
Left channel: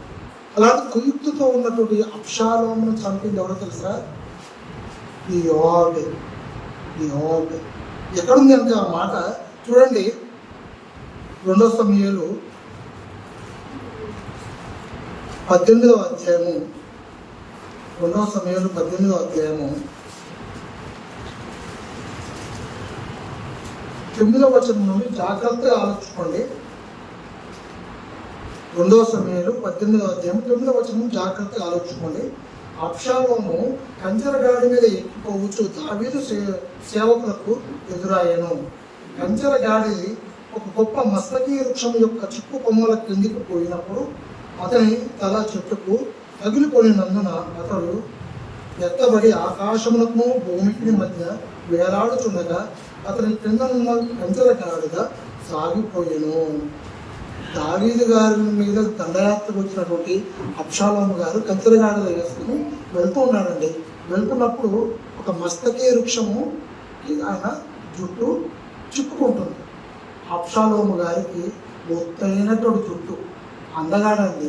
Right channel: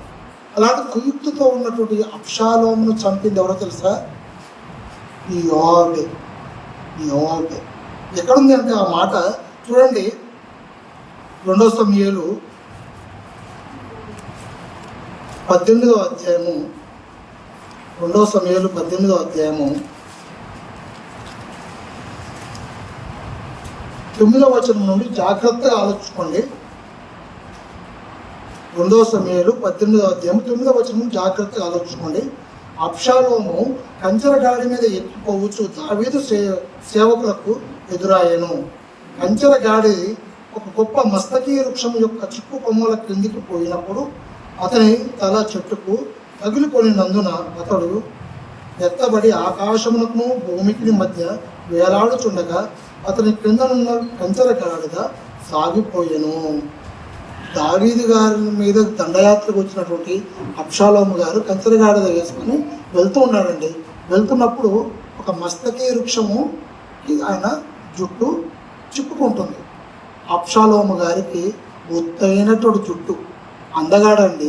అలాంటి కుయుక్తితో ఉన్నటువంటి అబ్షాలోమును చంపింది ఎవరో తెలుసా? ఈ యోవాబే. ఎక్కడుంది అంటే ఆ మాట చూడండి. 2 సమూయేలు 18వ అధ్యాయము 2 సమూయేలు 18వ అధ్యాయము 9వ వచనం నుండి జాగ్రత్తగా ఆలోచించుకోండి. 2 సమూయేలు 18వ అధ్యాయం 9వ వచనం జాగ్రత్తగా ఆలోచించుకోండి. అబ్షాలోము కంచెరగాడి మీద ఎక్కిపోవచ్చు దావీదు సేవకులకు ఎదురాయను. కంచెరగాడి ఒక గొప్ప మస్తకీ వృక్షం యొక్క చిక్కు కొమ్మల కిందికి పోయినప్పుడు అతని తల చెట్టుకు తగిలిపోయినందున అతడు ఎత్తబడి ఆకాశమునకు భూమికి మధ్య వేలాడుచుండగా అతని క్రిందనున్న కంచెరగాడిగా సాగిపోయాను. దావీదు గారి మీద దండయాత్రకు వచ్చినటువంటి అబ్షాలోము గారు కంచెరగాడిద వేసుకుని వెళ్తూ ఉన్నాడండి. వెళ్తున్నప్పుడు ఒక మస్తకీ వృక్షము ఆయన జుట్టు చిక్కుకుంటుంది. అబ్షాలోము గారికి ఒత్తైనటువంటి జుట్టు, అందగాడండి.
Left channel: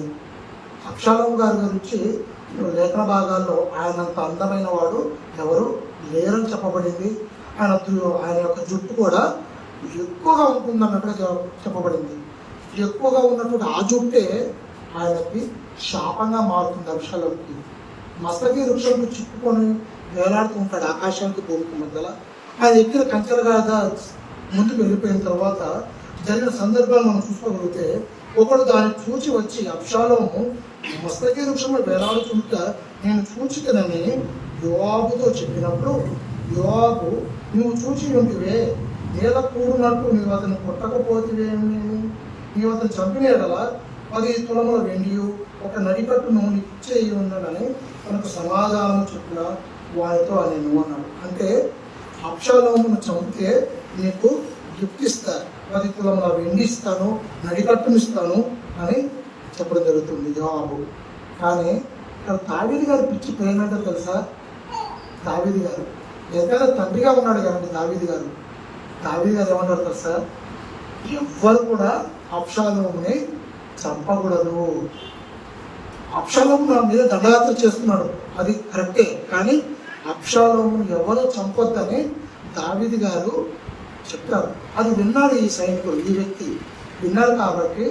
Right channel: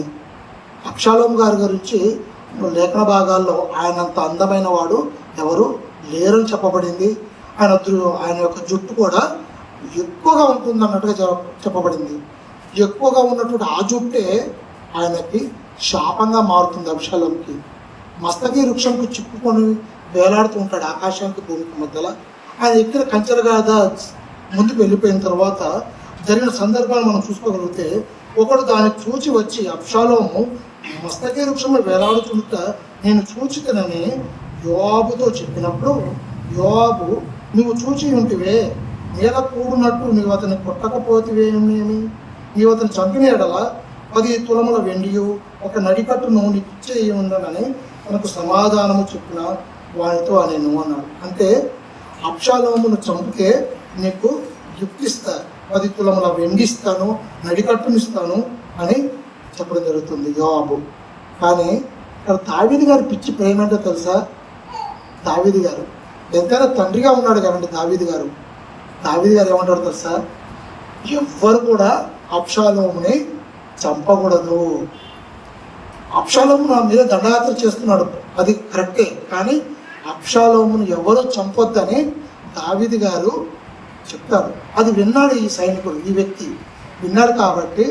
అబ్షాలోము గారి గురించి లేఖన భాగాల్లో ఆయనంత అందమైన వాడు ఎవరు లేరని చెప్పబడింది. ఆయన యొక్క జుట్టు కూడా ఎక్కువగా ఉంటుంది అన్నట్టుగా చెప్పబడింది. ఎక్కువగా ఉన్నటువంటి ఆ జుట్టే ఆయనకి శాపంగా మారుతుంది. అబ్షాలోముకి మస్తకీ వృక్షంకు చిక్కుకొని వేలాడుతుంటాడు ఆకాశానికి భూమికి మధ్యలో. ఆయన ఎక్కిన కంచెరగాడిద ముందుకు వెళ్ళిపోయిన తర్వాత జరిగిన సందర్భాలు మనం చూసుకోగలిగితే, ఒకడు దాన్ని చూచి వచ్చి అబ్షాలోము మస్తకీ వృక్షంలో వేలాడుతుండగా నేను చూచితనని యోవాబుతో చెప్పినప్పుడు, యోవాబు నువ్వు చూచి ఉంటివే, నేల కూడినట్టు నీవు అతన్ని కొట్టకపోతేవేమేమి, నీవు అతను చంపిన ఎడల 10 తులముల వెండియు ఒక నడికట్టును నిశ్చయి ఉండనని తనకు సమాధానము చెప్పిన వానితో నేను అన్నాడు. అంటే అబ్షాలోమును చంపితే నీకు గిఫ్ట్ ఇస్తారు, 10 తులముల వెండి ఇస్తాను, నడికట్టునిస్తాను అని చెప్పడం జరుగుతుంది యోవాబు. కానీ ఇక్కడ దావీదు గారు పిచ్చి ప్రేమ అంటే తెలుసా? దావీదు గారు ఎంతైనా తండ్రిగా ఉన్నాడు కాబట్టి దావీదు గారు ఏమంటాడు తెలుసా? ఎవ్వరు కూడా అబ్షాలోముని చంపకూడదు. అబ్షాలోము నా మీద దండయాత్ర చేస్తున్నాడు, అది కరెక్టే, కానీ అబ్షాలోమును ఎవరు చంపొద్దని దావీదు గారు చెప్పారు. అది విన్నాడు ఈ సైనికుడు, ఈ వ్యక్తి విన్నాడు. కాబట్టి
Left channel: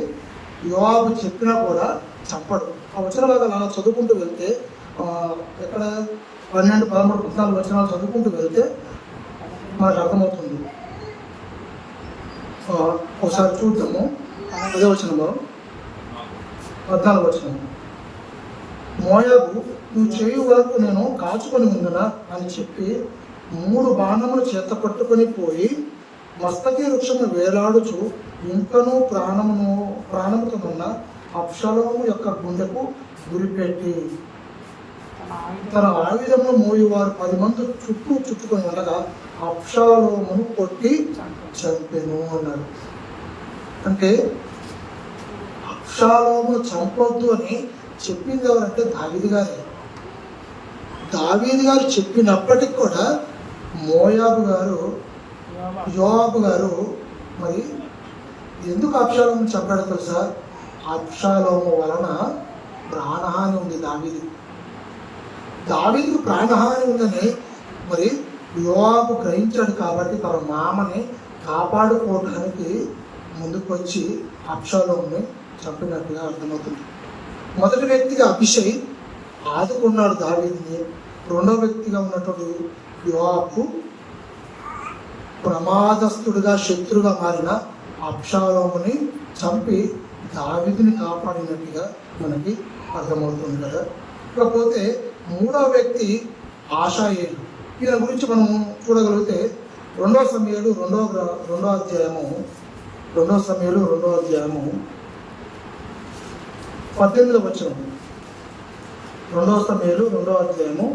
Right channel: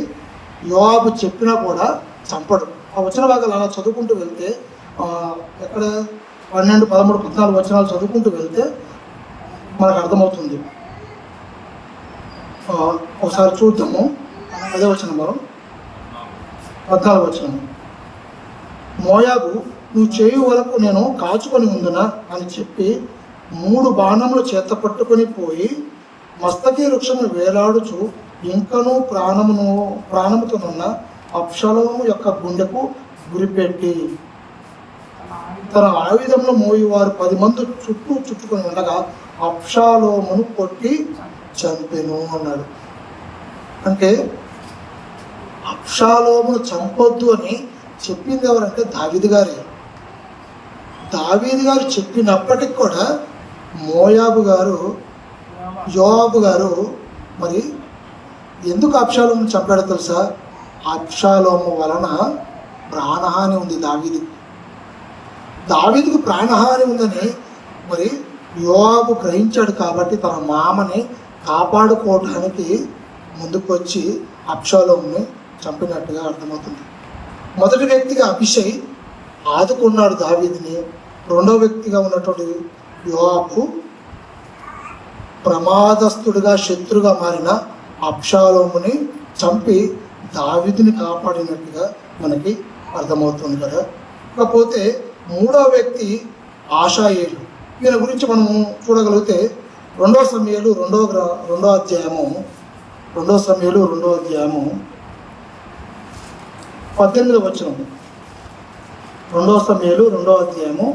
యోవాబు చెప్పినా కూడా చంపడు. ఆ వచన భాగాలు అలా చదువుకుంటూ వెళ్తే, ఎక్కడ 12, 13, 14 వచనాలు చదువుకుంటూ వెళ్తే మనకు అర్థమవుతుంది. ఒకసారి చూద్దాము. అదే వచనంలో 14వ వచనం. మోయాబు నువ్వు చేయు వరకు నేను కాచుకొని ఉందునా అని చెప్పి 3 బాణములు చేత పట్టుకొని పోయి మస్తకీ వృక్షము వేలాడుచు ఇంకనూ ప్రాణముతోనున్న అబ్షాలోము యొక్క గుండెకు గురిపెట్టి తన ఆయుధంలో మోయి వారు 10 మంది చుట్టుకొని ఉండగా అబ్షాలోమును కొట్టి చంపెను అన్నాడు. అంటే అబ్షాలోమును చంపొద్దు అని చెప్పింది ఎవరంటే దావీదు గారే. దావీదు గారు చెప్పినప్పటికి కూడా యోవాబు గారు మరి ఎందుకు అబ్షాలోము చంపాడో తెలుసా? అబ్షాలోము వలన ప్రాణహాని ఉంది దావీదుకు ప్రాణహాని ఉందని మరి యోవాబు గ్రహించాడు. కాబట్టి తన మామని కాపాడుకోవడానికి ముందుకొచ్చి అబ్షాలోముని చంపినట్టుగా అర్థమవుతుంది. మొదటి వ్యక్తిగా అభిషై ఆదుకున్నాడు దావీదుని. రెండో వ్యక్తిగా ఉన్నటువంటి యోవాబు ప్రమాదస్తుడిగా శత్రుగా మారిన అబ్షాలోముని చంపి దావీదుని కాపాడినట్టుగా మనకి అర్థమవుతుంది కదా. ఇకపోతే మూడో వ్యక్తి ఆషాయేలు. ఈయన గురించి మనం చూడగలిగితే 2 సమూయేలు 2వ అధ్యాయము 18వ వచనము. 2 సమూయేలు 2వ అధ్యాయము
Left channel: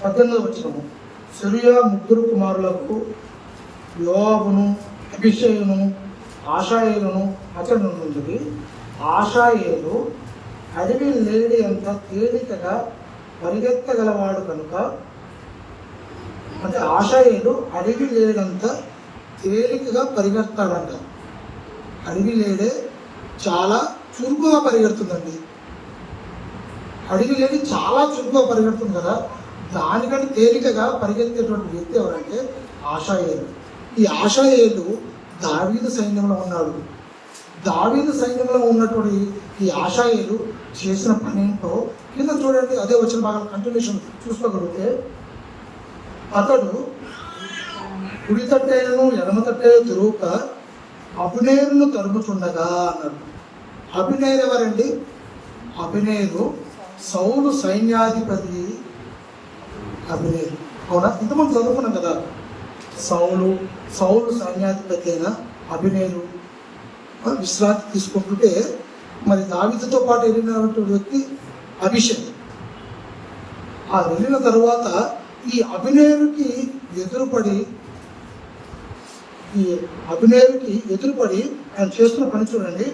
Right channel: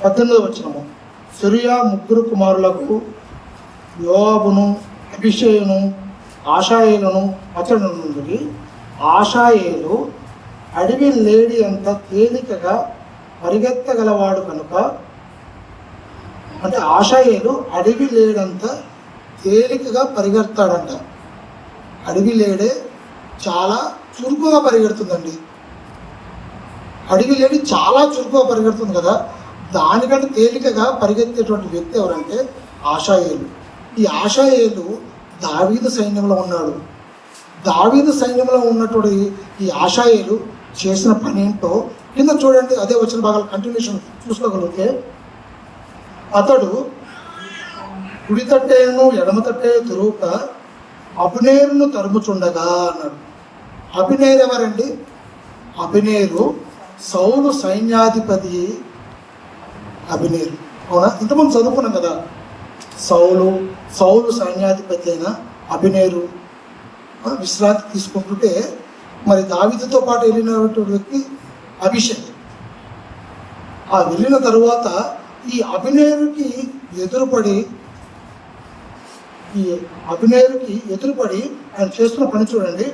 18వ వచనము. సెరూయా 3 కుమారులకు యోవాబును అబీషైను ఆషాయేలును అతడు నుండి. ఆషాయేలు అడవి లేడి అంత తేలికగా పరిగెత్తగలవాడు కనుక, అంటే ఆషాయేలు అడవి లేడంత తేలికగా పరిగెడతాడంట. అడవి లేడే చాలా చురుకుగా పరిగెడుతుందండి. అడవి లేడి చాలా చురుకుగా పరిగెడుతుంది కదా, దానికంటే తేలికగా పరిగెత్తేటువంటి వ్యక్తి ఎవరంటే ఆషాయేలు. ఈ ఆషాయేలు దావీదు సైన్యంలో ఉన్నాడు. దావీదు సైన్యంలో ఉన్నటువంటి ఈ ఆషాయేలు చేసిన పని ఏంటో కింద చూడండి. అదే వచ్చిన భాగాలు కంటిన్యూషన్ చూసుకోగలిగితే, అతడు కుడి తట్టేను ఎడమ తట్టేను తిరుగుక అబ్నేరును తరుముచుండగా అన్నాడు. అబ్నేరు ఎవరండి? అబ్నేరు సౌలు సైన్యాధిపతి. అబ్నేరు అవునా? ఇంతకుముందు చదువుకున్నాం కదా. సౌలు సైన్యాధిపతి అయిన అబ్నేరు విశ్రాంతి తీసుకుంటుంటే మరి దావీదుతో పాటు వెళ్ళినటువంటి వ్యక్తి అభిషై. ఆ వెళ్ళిన తరువాత ఈ అబ్నేరుకి ఎదురుపడి ఆయన చేస్తున్న పని చూడండి.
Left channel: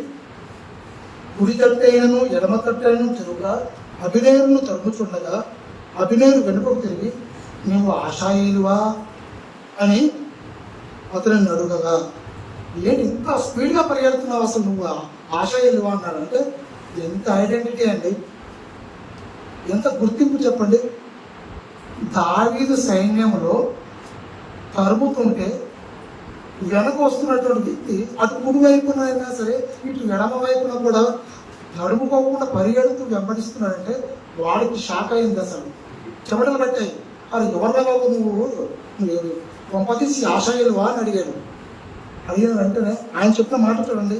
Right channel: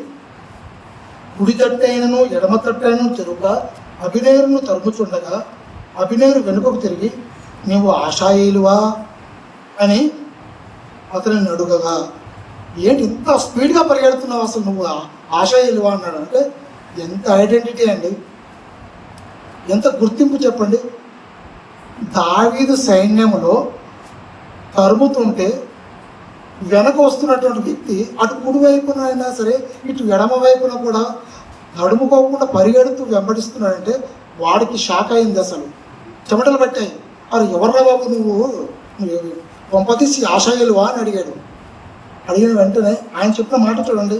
కుడి తట్టైనను ఎడమ తట్టైనను తిరుగుగా అబ్నేరును తరుముచుండగా అబ్నేరు వెనుకకు తిరిగి, నీవు ఆషాయేలువా అని అతనిని అడుగగా, ఏంటి ఇంత స్పీడ్గా పరిగెడుతున్నావు, అసలు నువ్వు ఆషాయేలువా అన్నాడు. అంటే ఎంత ఐడెంటిటీ అండి, ఎంత గుర్తింపు చెప్పండి. దావీదు సైన్యంలో తరుముతుంటే వెనక వస్తున్నటువంటి వ్యక్తి అటు కుడి వైపున అయినా సరే ఇటు ఎడమ వైపున కూడా గడుముకోకుండా పరిగెడుతూ వెంబడిస్తున్నాడంటే వాడికి షాక్ అయింది. అసలు చెమటలు పట్టాయి. అది ఎవరిలో బాబు నువ్వు పంపతీసి ఆషాయేలువా అని అడిగాడు. అడిగిన వెంటనే ఆయన చెప్పిన మాట చూడండి.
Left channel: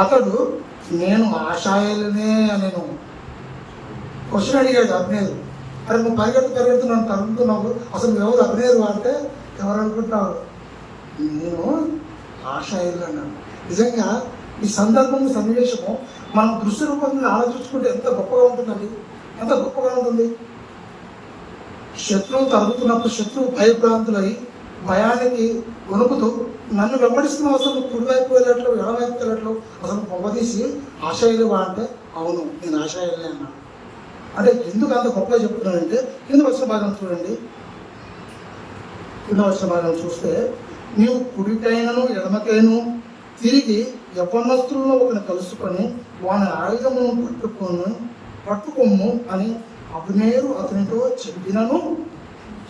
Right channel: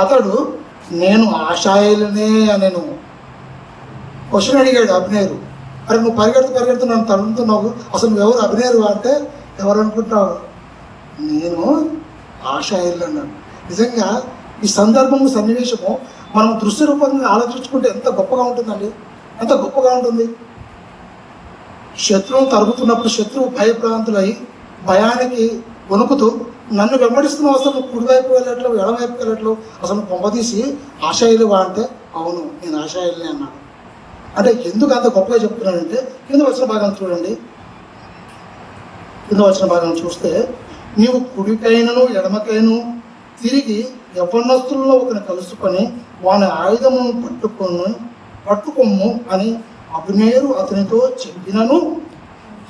అతడు నేను ఆషాయేలునే నేను క్వశ్చన్ అడిగాడు అబ్నేరు. మరి నువ్వు పరిగెడుతూ నన్ను తడుముతున్నావు, అసలు నువ్వు ఎవరు అబ్నేరు అంటే ఎవరు అనుకుంటున్నావు? నేను ఆషాయేలు అన్నాను. నిజంగా ఈ సందర్భము సన్నివేశము మనం దృశ్య రూపంగా ఆలోచించుకుంటే ఎంత గొప్పగా ఉంటుందండి, ఎంత గొప్పగా ఉంటుంది. శత్రువు తరుగుతున్నప్పుడు శత్రువు భయభ్రాంతులై భయానికి వణుకుతూ నన్ను వెంబడిస్తున్నావు, అసలు నువ్వు కుడివైపు వెళ్ళట్లు ఎడవైపు వెళ్ళట్లు, అసలు పొంగదీసి ఆషాయేలువా అంటే అవును నేను ఆషాయేలునే అన్నా. అంటే ఎందుకు అంత గొప్పగా చెప్తున్నానంటే కింద వచ్చిన భాగం చూడండి. కింద వచ్చిన భాగం చూస్తే, నీవు కుడికైనను ఎడమకైను తిరిగి యవ్వనస్తులను ఒకరిని కలుసుకొని వాని ఆయుధమును పట్టుకొమ్ము అని అబ్నేరు అతనితో చెప్పినను.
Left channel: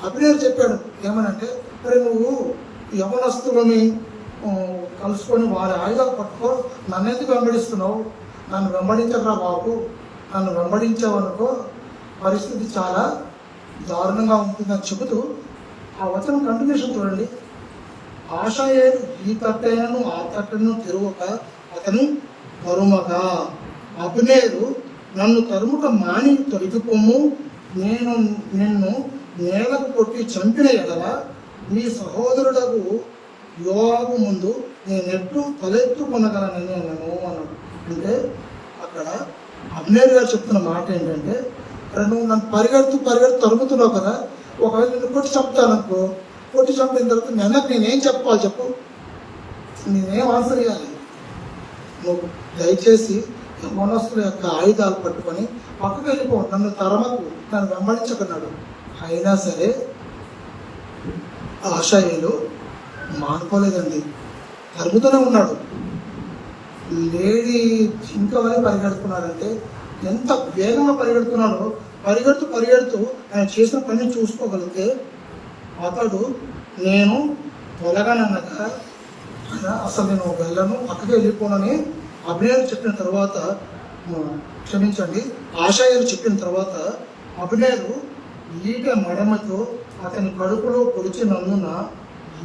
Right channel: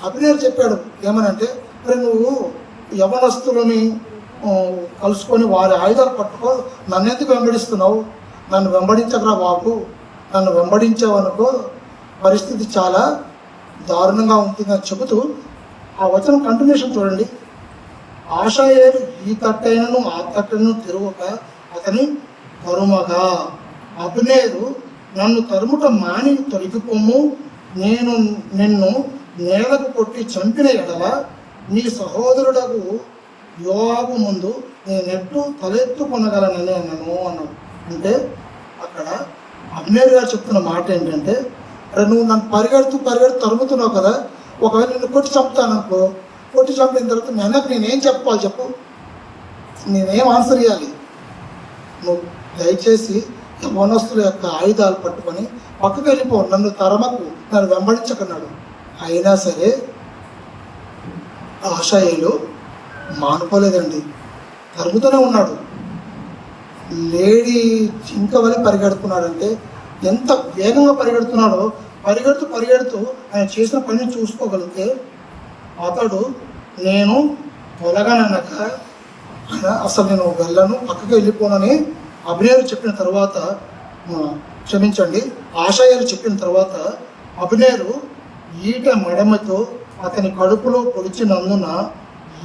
అబ్నేరు చెప్పాడు ఏమనంటే, మరి నువ్వు యవ్వనస్తులని కలుసుకొని వారి ఆయుధాలు పట్టుకో, నన్ను ఎందుకు వెంబడిస్తున్నావు? నన్ను వెంబడించకరా బాబు, నన్ను వెంబడించావనుకో పరిస్థితి చాలా దారుణంగా ఉంటుందని చెబుతూ ఆ వచనం కంటిన్యూషన్ చూడండి. ఆషాయేలు ఈ తట్టైనను ఆ తట్టను తిరుగుక అతని తరుమగా అబ్నేరు నన్ను తరుముట మాని తొలగిపోము, నేను నిన్ను నేలకు కొట్టి చంపిన ఎడల నీ సహోదరుడకు యోవాబు ముందు నేనెట్టు తలెత్తుకొనగలనని అన్నాను అన్నాడు. అంటే అక్కడ అబ్నేరు గారు చెప్తున్న మాట ఏంటంటే, అరే నువ్వు నన్ను పరిగెడుతూ తరుముతున్నావు కదా, ఒకవేళ నేను కొట్టి చంపుతాను అనుకో, కొట్టి చంపిన తర్వాత నేనేం చెప్పుకోవాలి చెప్పు, నేనేం ఆన్సర్ ఇవ్వాలి? నువ్వు దయచేసి యవనస్తుల యొక్క ఆయుధాలు పట్టుకొని పక్కకు వెళ్ళిపో, నన్ను తరమకు, నన్ను వెంబడించకున్నాడు. అయినా సరే ఆశాయులు మానుకోలేదండి, తరుగుతూనే ఉన్నాడు. లేడీ జింక వల్ల పరిగెడుతున్నాడంటే ఎంత వేగంగా పరిగెడుతున్నాడో, పరిగెడుతూ ఆయన చేసిన పని చూసుకోగలిగితే అతడు నేను పొలగానన్నాక అసలు నేను వెళ్ళను, పక్కకి వెళ్ళిపోనని అభినయులు చెప్పిన తర్వాత, క్షమించండి, ఆశాయాలు చెప్పిన తర్వాత అభినయులు ఈట మడమతో అతని కడుపులో పొడిచినందున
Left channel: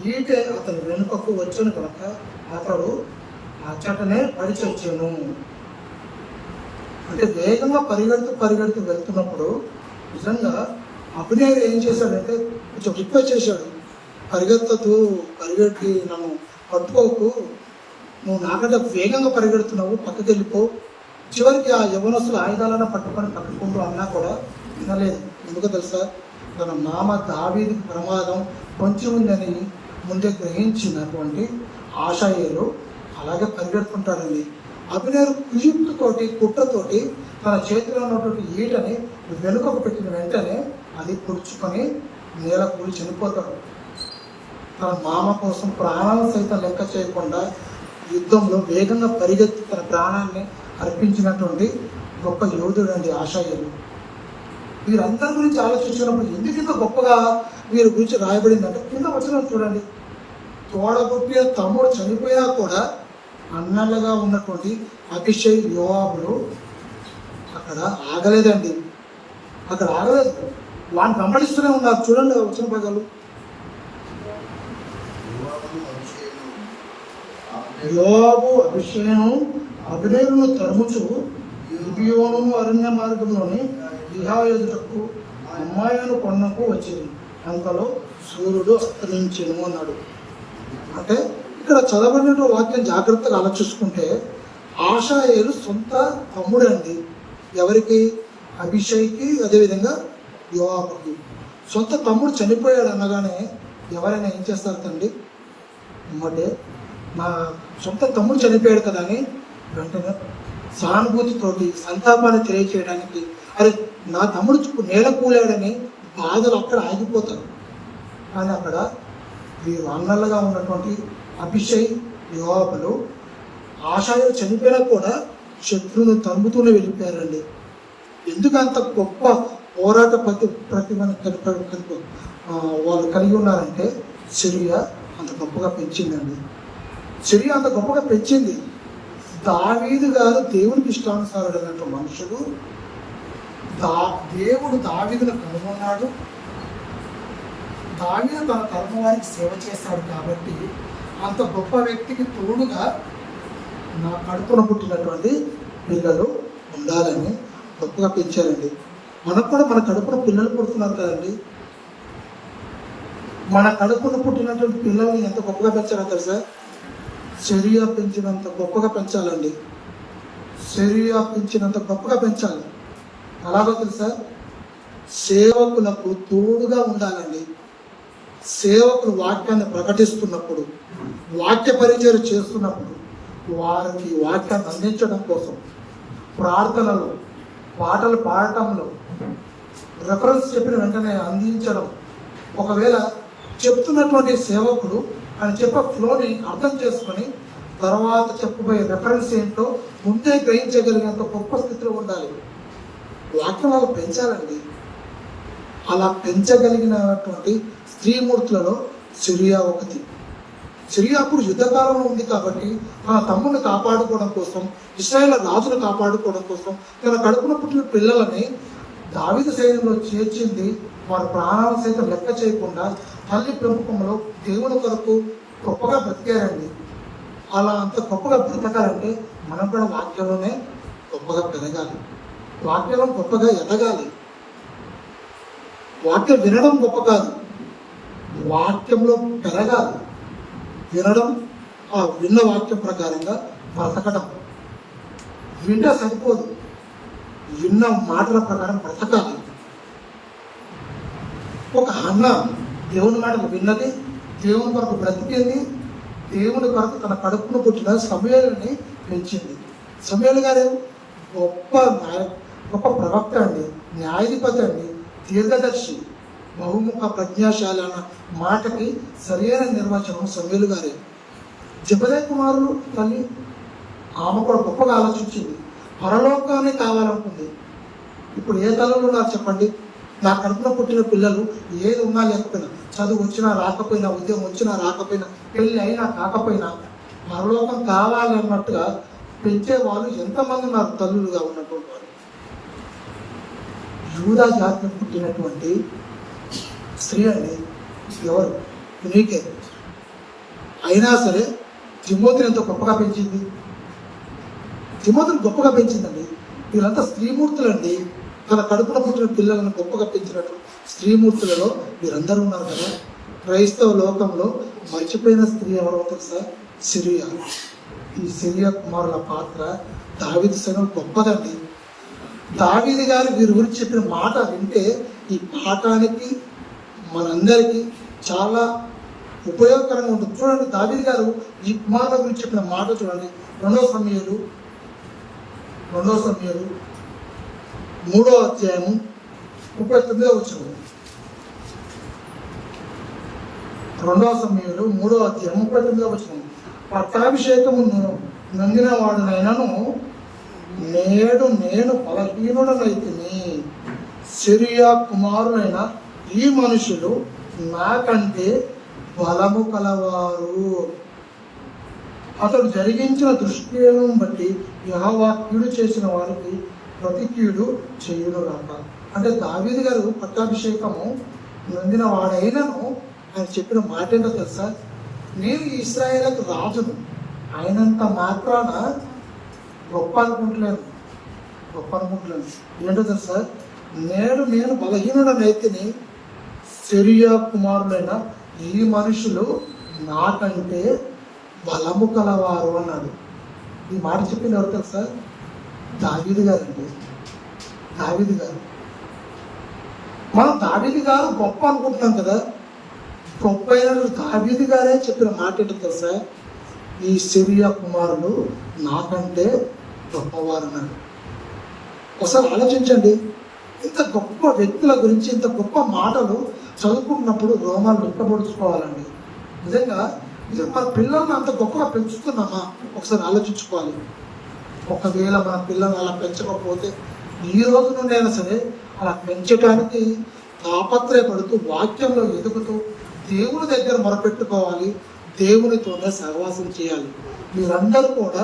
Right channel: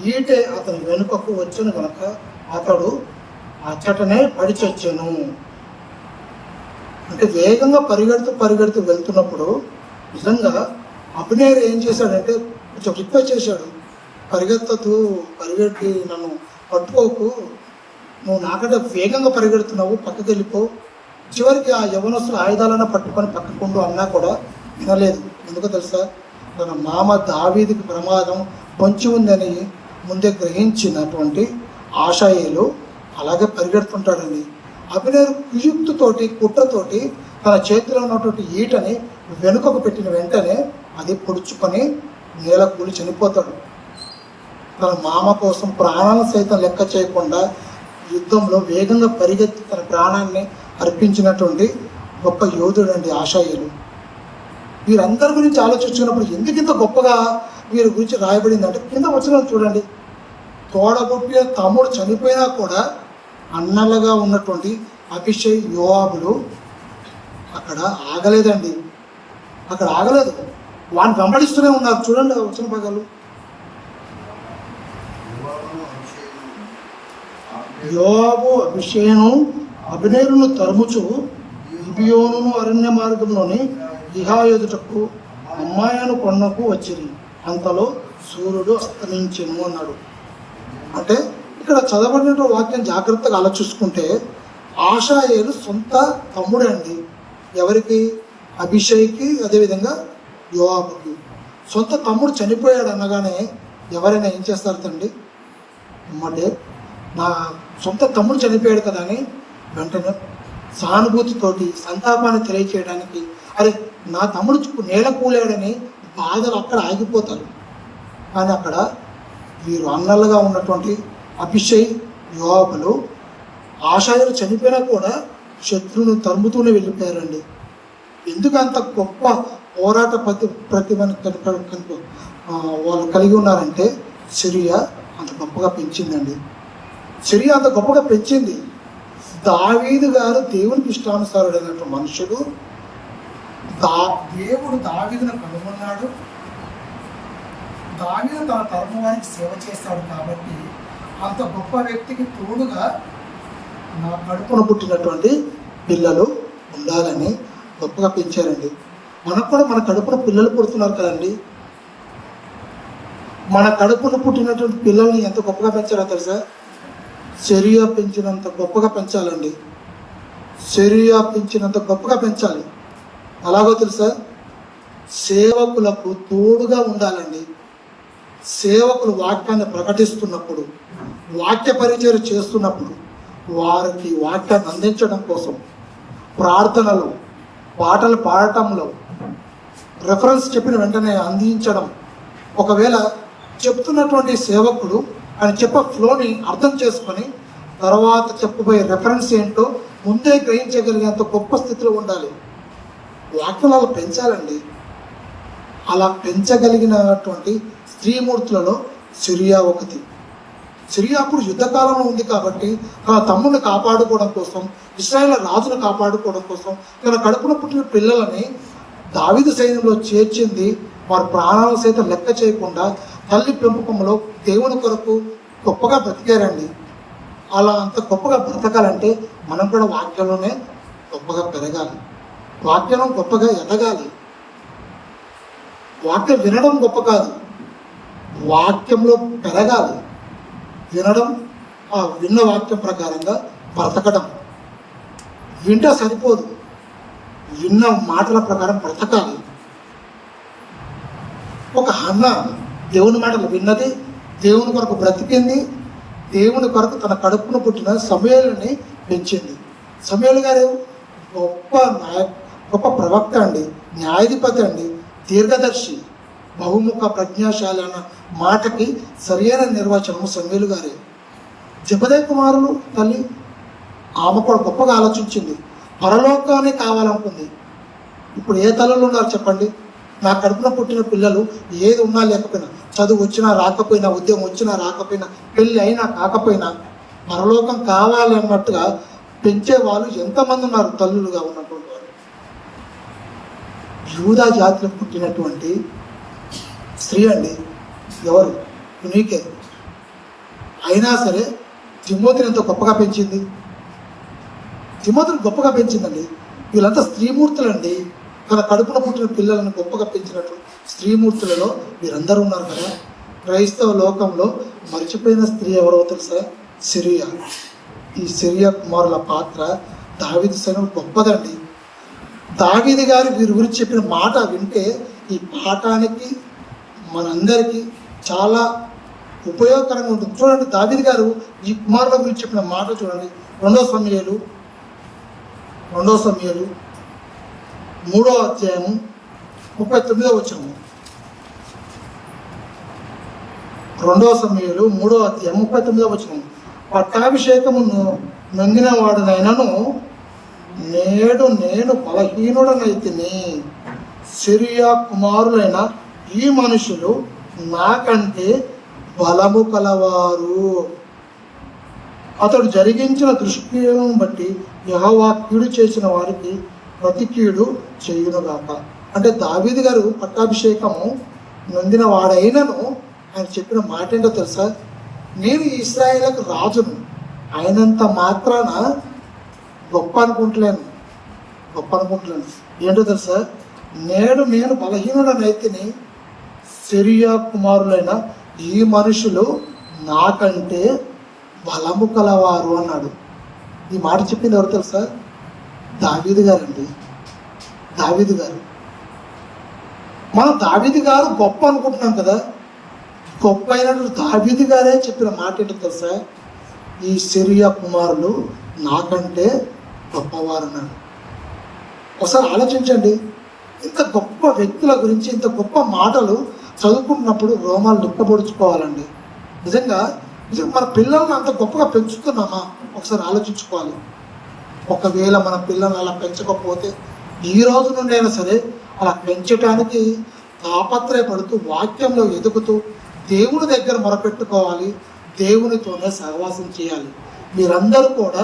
ఈటే అతని వెనుకకు వచ్చిన కనుక అతడు అచ్చటనే పడి చచ్చెను. అంటే వేగంగా పరిగెడుతూ వెళ్తున్నప్పుడు నిజంగా అభినయుడు ఏం చేశాడంటే కొంచెం రిక్వెస్ట్ చేశాడు, పరిగెట్టి నన్ను పట్టుకోకు, నువ్వు నాకంటే వేగంగా పరిగెడుతున్నావు, పక్కకి వెళ్ళిపో. చివరికి ఆ యవనస్తులు ఆయుధాలను పట్టుకొని పక్కకుంటూ అన్నా కూడా వినలేదు. ఎందుకో తెలుసా? తమ నామ దావీదుకు ప్రమాదం పొంచి ఉందని ముందే గ్రహించినటువంటి ఆశాయేలు అలాగే పరిగెడుతుంటాడండి. అభినయుడు కుయుక్తితోటి కుట్రతోటి తన చేతిలో ఉన్నటువంటి ఈటని వెనుకకు పెట్టిన వెంటనే అది పొడుచుకొని నేల కూలి చనిపోతాడు. తన మామ కోసం ప్రాణాలను సైతం లెక్క చేయకుండా యుద్ధంలో వేగంగా పరిగెత్తి తన ప్రాణాన్ని అర్పించినటువంటి గొప్ప యోధుడు అండి ఆశాయులు. వీరందరి గురించి ఆలోచించినప్పుడు ఎందుకు ఇంత గొప్పగా వీరి గురించి రాయబడింది అంటే కింద వచ్చిన చూడండి, తోడగొట్టిన తమ్ముడు చనిపోయినా కూడా అన్నలుగా ఉన్నటువంటి అభిషేక్ యోవాబులు అక్కడ ఆగలేదండి, వాడిని వెంబడిస్తూనే ఉన్నారు. చూడండి వచ్చిన పదాలు, యోవాబు అభిషేను అభినయులను తరుముచు గిబియోను అరణ్య మార్గంలోని గిహాయెదుటకు అమ్మాయిను కొండకు వచ్చింది, అంతలో సూర్యుడు అస్తమించెను అన్నాడు. అంటే ఇక్కడ చదవబడిన వాక్యం జాగ్రత్తగా ఆలోచించుకుంటే ఆశాయేలు సొంత తమ్ముడే అండి. ఎవరికి? అభిషేక్కి, అదేవిధంగా యోవాబుకి. సొంత తమ్ముడు చనిపోయాడు అనగానే ఎవరైనా ఏం చేస్తారు తండ్రి? అమ్మటే నా సొంత తమ్ముడు చనిపోయాడు కదా అని వెంటనే సానుభూతితోటి సంతాపాన్ని తెలియచేయడానికి, అరే నా తమ్ముడు నేల కూలేడని బాధలు అక్కడ ఆగిపోతారు. కానీ అక్కడ వీరు అన్నలుగా ఉన్నటువంటి అభిషేక్ యోవాబులు ఆశాయులు చనిపోయినా కూడా శత్రువుని తరుముతూనే వెళ్ళిపోయారండి. ఎందుకు అంత గొప్ప పోరాట ప్రతిభను వాళ్ళు కలిగి ఉన్నారంటే సిరియా అంత గొప్పగా పెంచిందండి. సిరియా అంత గొప్పగా పెంచింది. దావీదు గారు దేవునికి ఇష్టానుసారుడైనటువంటి మనుషుడు. దేవుడు దావీదును కనుగొన్నాడు. దావీదు తన తరము వారికి సేవ చేస్తాడు కాబట్టి అంత గొప్ప వ్యక్తికి తోడుగా నా కడుపున పుట్టినటువంటి పిల్లలు ఉండాలని గొప్పగా పెంచారండి. మనకు కూడా మన కడుపున పిల్లలు పుడుతున్నారు కదండి. మన కడుపున పుట్టినటువంటి పిల్లల్ని ఎంత గొప్పగా పెంచారో తెలుసా? సిరియా పెంచినంత గొప్పగా పెంచాలండి. సిరియా పెంచినంత గొప్పగా పెంచాలి. అలాగో తెలుసా? సేవకులకు తోడుగా ఉండాలండి. సేవకులు వాక్యాన్ని ప్రకటిస్తున్నప్పుడు, వాక్య పరిచయం చేస్తున్నప్పుడు వారికి వాక్యాన్ని అందించడం కోసం ప్రార్థనలు, పాటలు పాడటంలో రెఫరెన్స్ చెప్పిన వెంటనే అందించడం. ఒకవేళ చెప్తున్నటువంటి సేవకుడు ఆయన చెప్పే ఫ్లోని అర్థం చేసుకొని తర్వాత చెప్పబోయే రెఫరెన్స్ ఏంటో ముందే గ్రహించగలిగేంత గొప్ప స్థితిలో ఉండాలి. వాక్యం అలా పెంచాలండి. అలా పెంచగలిగినటువంటి స్త్రీమూర్తులలో సిరియా ఒకటి. సిరియా అప్పుడు యుద్ధకాలంలో ఉంది కాబట్టి తన తమ్ముడిని కాపాడుకోవడం కోసం, ఇశ్రాయేలు రాజును కాపాడుకోవడం కోసం తన కడుపున పుట్టిన పిల్లలని దావీదు సైన్యంలో చేర్చింది. వారి ప్రాణాలు సైతం లెక్క చేయకుండా తల్లి పెంపకంలో దేవుని కొరకు గొప్పగా బ్రతికారండి. అలా అంత గొప్పగా బ్రతకాలంటే మనం కూడా వాక్యంలోనే గొప్పగా పెరగాలి, వాక్యం గొప్పగా ఎదగాలి. వాక్యం వినడం గొప్ప కాదు, వాక్యంలో పెరగాలి. వినడం, ఆ విన్న వాక్యం ప్రకారంగా బ్రతకడం. వింటే సరిపోదు, విన్న మాటల ప్రకారం బ్రతకాలి. ఒక అన్న దేవుని మాటలు విన్నది, దేవుని కొరకు బ్రతికింది, దేవుని కొరకు తన కడుపును పుట్టిన సమూయేలుని పెంచింది. సమూయేలు గారు గొప్ప ప్రవక్త అండి, న్యాయాధిపతి అండి, దీర్ఘదర్శి, బహుముఖ ప్రజ్ఞాశాలి అన్న మాటకి సరైన నిర్వచనం సమూయేలు గారే. జెబెదయి కుమారులు తల్లి ఆమె కూడా గొప్పగా ఆలోచించింది, పరలోకాన్ని కావాలనుకుంది. ఇప్పుడు ఏ తల్లులు ఉన్నారు చెప్పండి? నా కడుపున పుట్టిన పిల్లలు ఏది ఉన్నా లేకపోయినా, చదువు వచ్చినా రాకపోయినా, ఉద్యోగం వచ్చినా రాకపోయినా, పెళ్ళి అయినా కాకపోయినా పరలోకం కావాలి అన్నట్టుగా పెంచే వాళ్ళు ఎంతమంది ఉన్నారు తల్లులుగా ఉన్నటువంటి వారు. యూదా జాతిలో పుట్టినటువంటి స్త్రీ అండి, ఎవరు? నీకే. అయినా సరే తిమోతిని ఎంతో గొప్పగా పెంచింది. తిమోతిని గొప్పగా పెంచిందండి. వీళ్ళంతా స్త్రీమూర్తులండి. తన కడుపున పుట్టిన పిల్లలను గొప్పగా పెంచినట్టు స్త్రీమూర్తులలో వీరందరూ ఉన్నారు కదా. క్రైస్తవ లోకంలో మర్చిపోయిన స్త్రీ ఎవరో తెలుసా? సిరియా. ఈ సిరియా కుమారుల పాత్ర దావీదు సంఘం గొప్పదండి. దావీదు గారు వీరి గురించి చెప్పిన మాట వింటే ఈ పాఠానికి మనందరికీ చాలా ఉపయోగకరంగా ఉంటుంది. చూడండి, దావీదు గారు ఈ కుమారుల గురించి చెప్పిన మాట చూడండి. 2 సమూయేలు 3వ అధ్యాయం 39వ వచనం. 2 సమూయేలు 3వ అధ్యాయం 39వ వచనం. పట్టాభిషేకమును నొంగిన వాడినైనను నేడు నేను బలహీనుడనైతిని. సిరియా కుమారులైన ఈ మనుషులు నాకంటే బలము కలవారు. అతడు జరిగించిన దుష్క్రియలను బట్టి యెహోవా కీడు చేసిన వారికి ప్రతి కీడు చేయునుగాక. అంటే దావీదు గారు పట్టాభిషేకము నొందిన వాడైనను ఆయన చెప్పిన మాట ఏంటో తెలుసా? నేను ఇశ్రాయేలుకు రాజును, అయినంత మాత్రాన గొప్ప అనుకుంటలేను. ఏంటో తెలుసా? నేడు నేను బలహీనుడనైతిని, సిరియా కుమారులైన ఈ మనుషులు నాకంటే బలము కలవారు అన్నాడు. ఈ మాట చెప్పింది ఎవరు తెలుసా? దావీదు గారండి. దావీదు గారు. మనం దావీదు గారు గొప్ప అనుకుంటున్నాం కదా. గొప్ప అయిన దావీదు గారే చెప్పిన మాట ఏంటో తెలుసా? ఈ సిరియా కుమారులు నాకంటే గొప్పవారు అన్నాడు. ఒకసారి ఆలోచించండి. ఇంత గొప్ప వ్యక్తుల గురించి ఇంత గొప్ప మాటలు చదువుకున్నప్పుడు రోమాలు దుఃఖపడుచుకోవాలండి. నిజంగా మన పిల్లల్ని అంత గొప్పగా పెంచుతున్నామా? ఒకసారి ఆలోచించుకోవాలి. ఒకవేళ మన పిల్లల్ని అలా పెంచకపోతే ఈ రోజు నుండి అయినా సరే అలా పెంచడానికి తాపత్రయపడుతూ, వాక్యంలో ఎదుగుతూ, దేవుని దగ్గర మొరపెట్టుకోవాలి, దేవునితోనే సహవాసం చేయాలి. మీరందరూ కూడా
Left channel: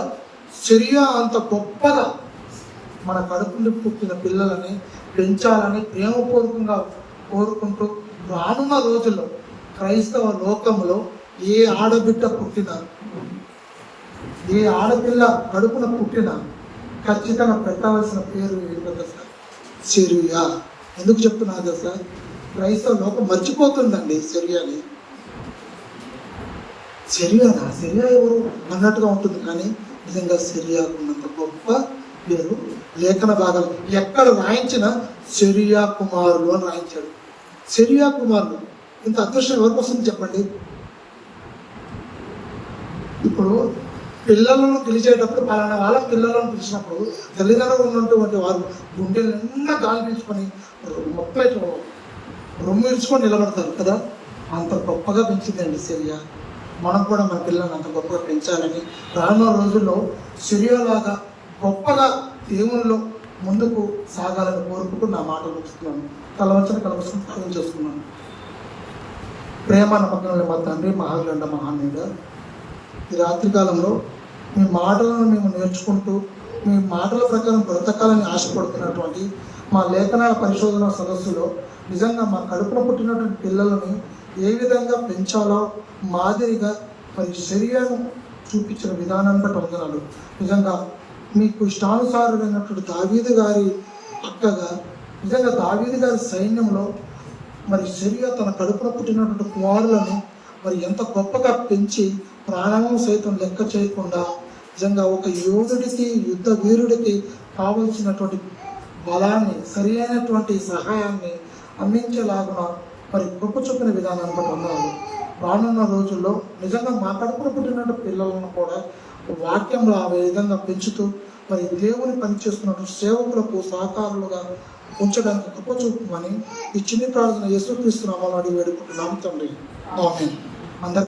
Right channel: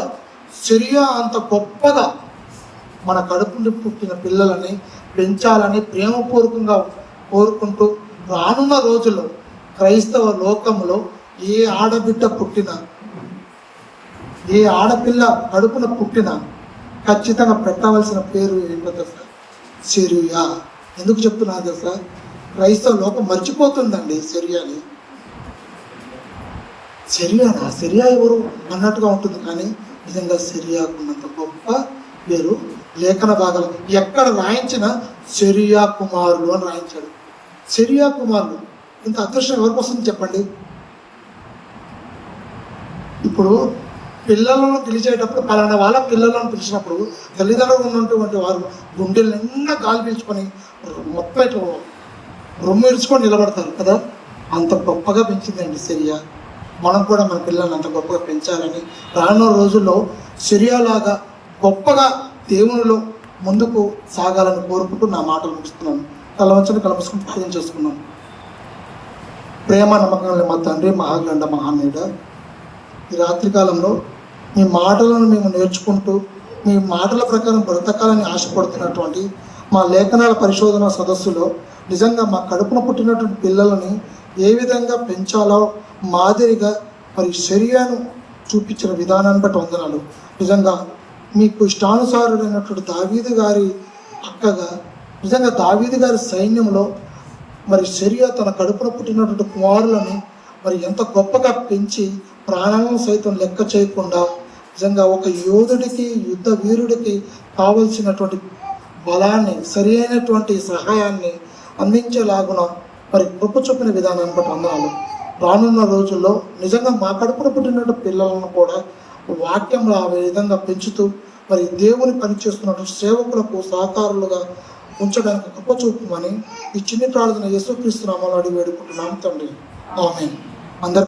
సిరియా అంత గొప్పగా మన కడుపుని పుట్టిన పిల్లలని పెంచాలని ప్రేమపూర్వకంగా కోరుకుంటూ, రానున్న రోజుల్లో క్రైస్తవ లోకంలో ఏ ఆడబిడ్డ పుట్టినా, ఏ ఆడపిల్ల కడుపున పుట్టినా ఖచ్చితంగా పెట్టవలసిన పేరు ఏంటో తెలుసా? సిరియా. ఎందుకు చెప్తున్నా తెలుసా? క్రైస్తవ లోకం మర్చిపోతుందండి సిరియాని. సిరియా ఎవరు అన్నట్టుగా ఉంటుంది, కానీ నిజంగా సిరియా ఉన్నంత గొప్ప పేరు లేఖన భాగంలో ఎక్కడ రాయించిన సిరియా కుమారులు అని రాయించాడు. సిరియా కుమారులు. ఇంత అదృష్టం ఎవరికి వస్తుంది చెప్పండి? ఇప్పుడు పిల్లలను పిలిచేటప్పుడు, పలానా వాళ్ళ పిల్లలను పిలిచినప్పుడు తల్లిదండ్రులు ఉన్నటువంటి వారు గుండెలు నిండా గాలి పీల్చుకొని మొత్తం రొమ్ము ఇడ్చుకొని నిలబడతారు కదా. అంత గొప్పగా పెంచిందండి సిరియా. మనం కూడా మన పిల్లల్ని అంత గొప్పగా పెంచాలని, రానున్న రోజుల్లో సిరియాలాగా గొప్పగా దేవునిలో ముందుకు సాగాలని కోరుకుంటూ నా మాటలు ముగిస్తున్నాను. తల వంచని కలపసుకుని ప్రార్థన చేసుకున్నాను. ప్రేమ నమ్మకంలో మా తండ్రి, మహాగండ మహానీయుడ, ఈ రాత్రికాలంలో మీ మాటలను మేము నేర్చుకుంటూ మీ మాటల ప్రకారం బ్రతకాలని ఆశపడుతున్నటువంటి మా లేఖనాల పరిశోధన సదస్సులో నిజంగా మా కడుపున పుట్టినటువంటి పిల్లలని ఏ విధంగా పెంచాలో మాదిరిగా మరి సిరియాను చూపించిన విధానాన్ని బట్టి వందనాలు. నిజంగా మీకు ఇష్టానుసారుడైనటువంటి దావీదు గారి అక్కగా, నిజంగా దావీదు గారి సైన్యంలో మరి సిరియా తన కడుపున పుట్టినటువంటి కుమారులను మరి ఎంత గొప్పగా పెంచి ప్రాణాలను సైతం లెక్క చేయకుండా నిజంగా ఒక యోధుడికి, యుద్ధ వీరుడికి కావలసినటువంటి బలాన్ని, సరి అయినటువంటి సహాయాన్ని అందించేలాగున మరి కృప చూపిన విధానాన్ని బట్టి వందనాలు. రానున్న రోజుల్లో నిజంగా మా కడుపున పుట్టిన పిల్లలను కూడా వాక్యంలో ఆ విధంగా పెంచుతూ మరి దేవుని పనిచేస్తున్న సేవకులకు సహకారులుగా ఉంచడానికి కృప చూపమని ఈ చిన్ని ప్రార్థన యేసుక్రీస్తు నామములో అడిగి వేడుకుంటున్నాం తండ్రి. ఆమేన్. అందరూ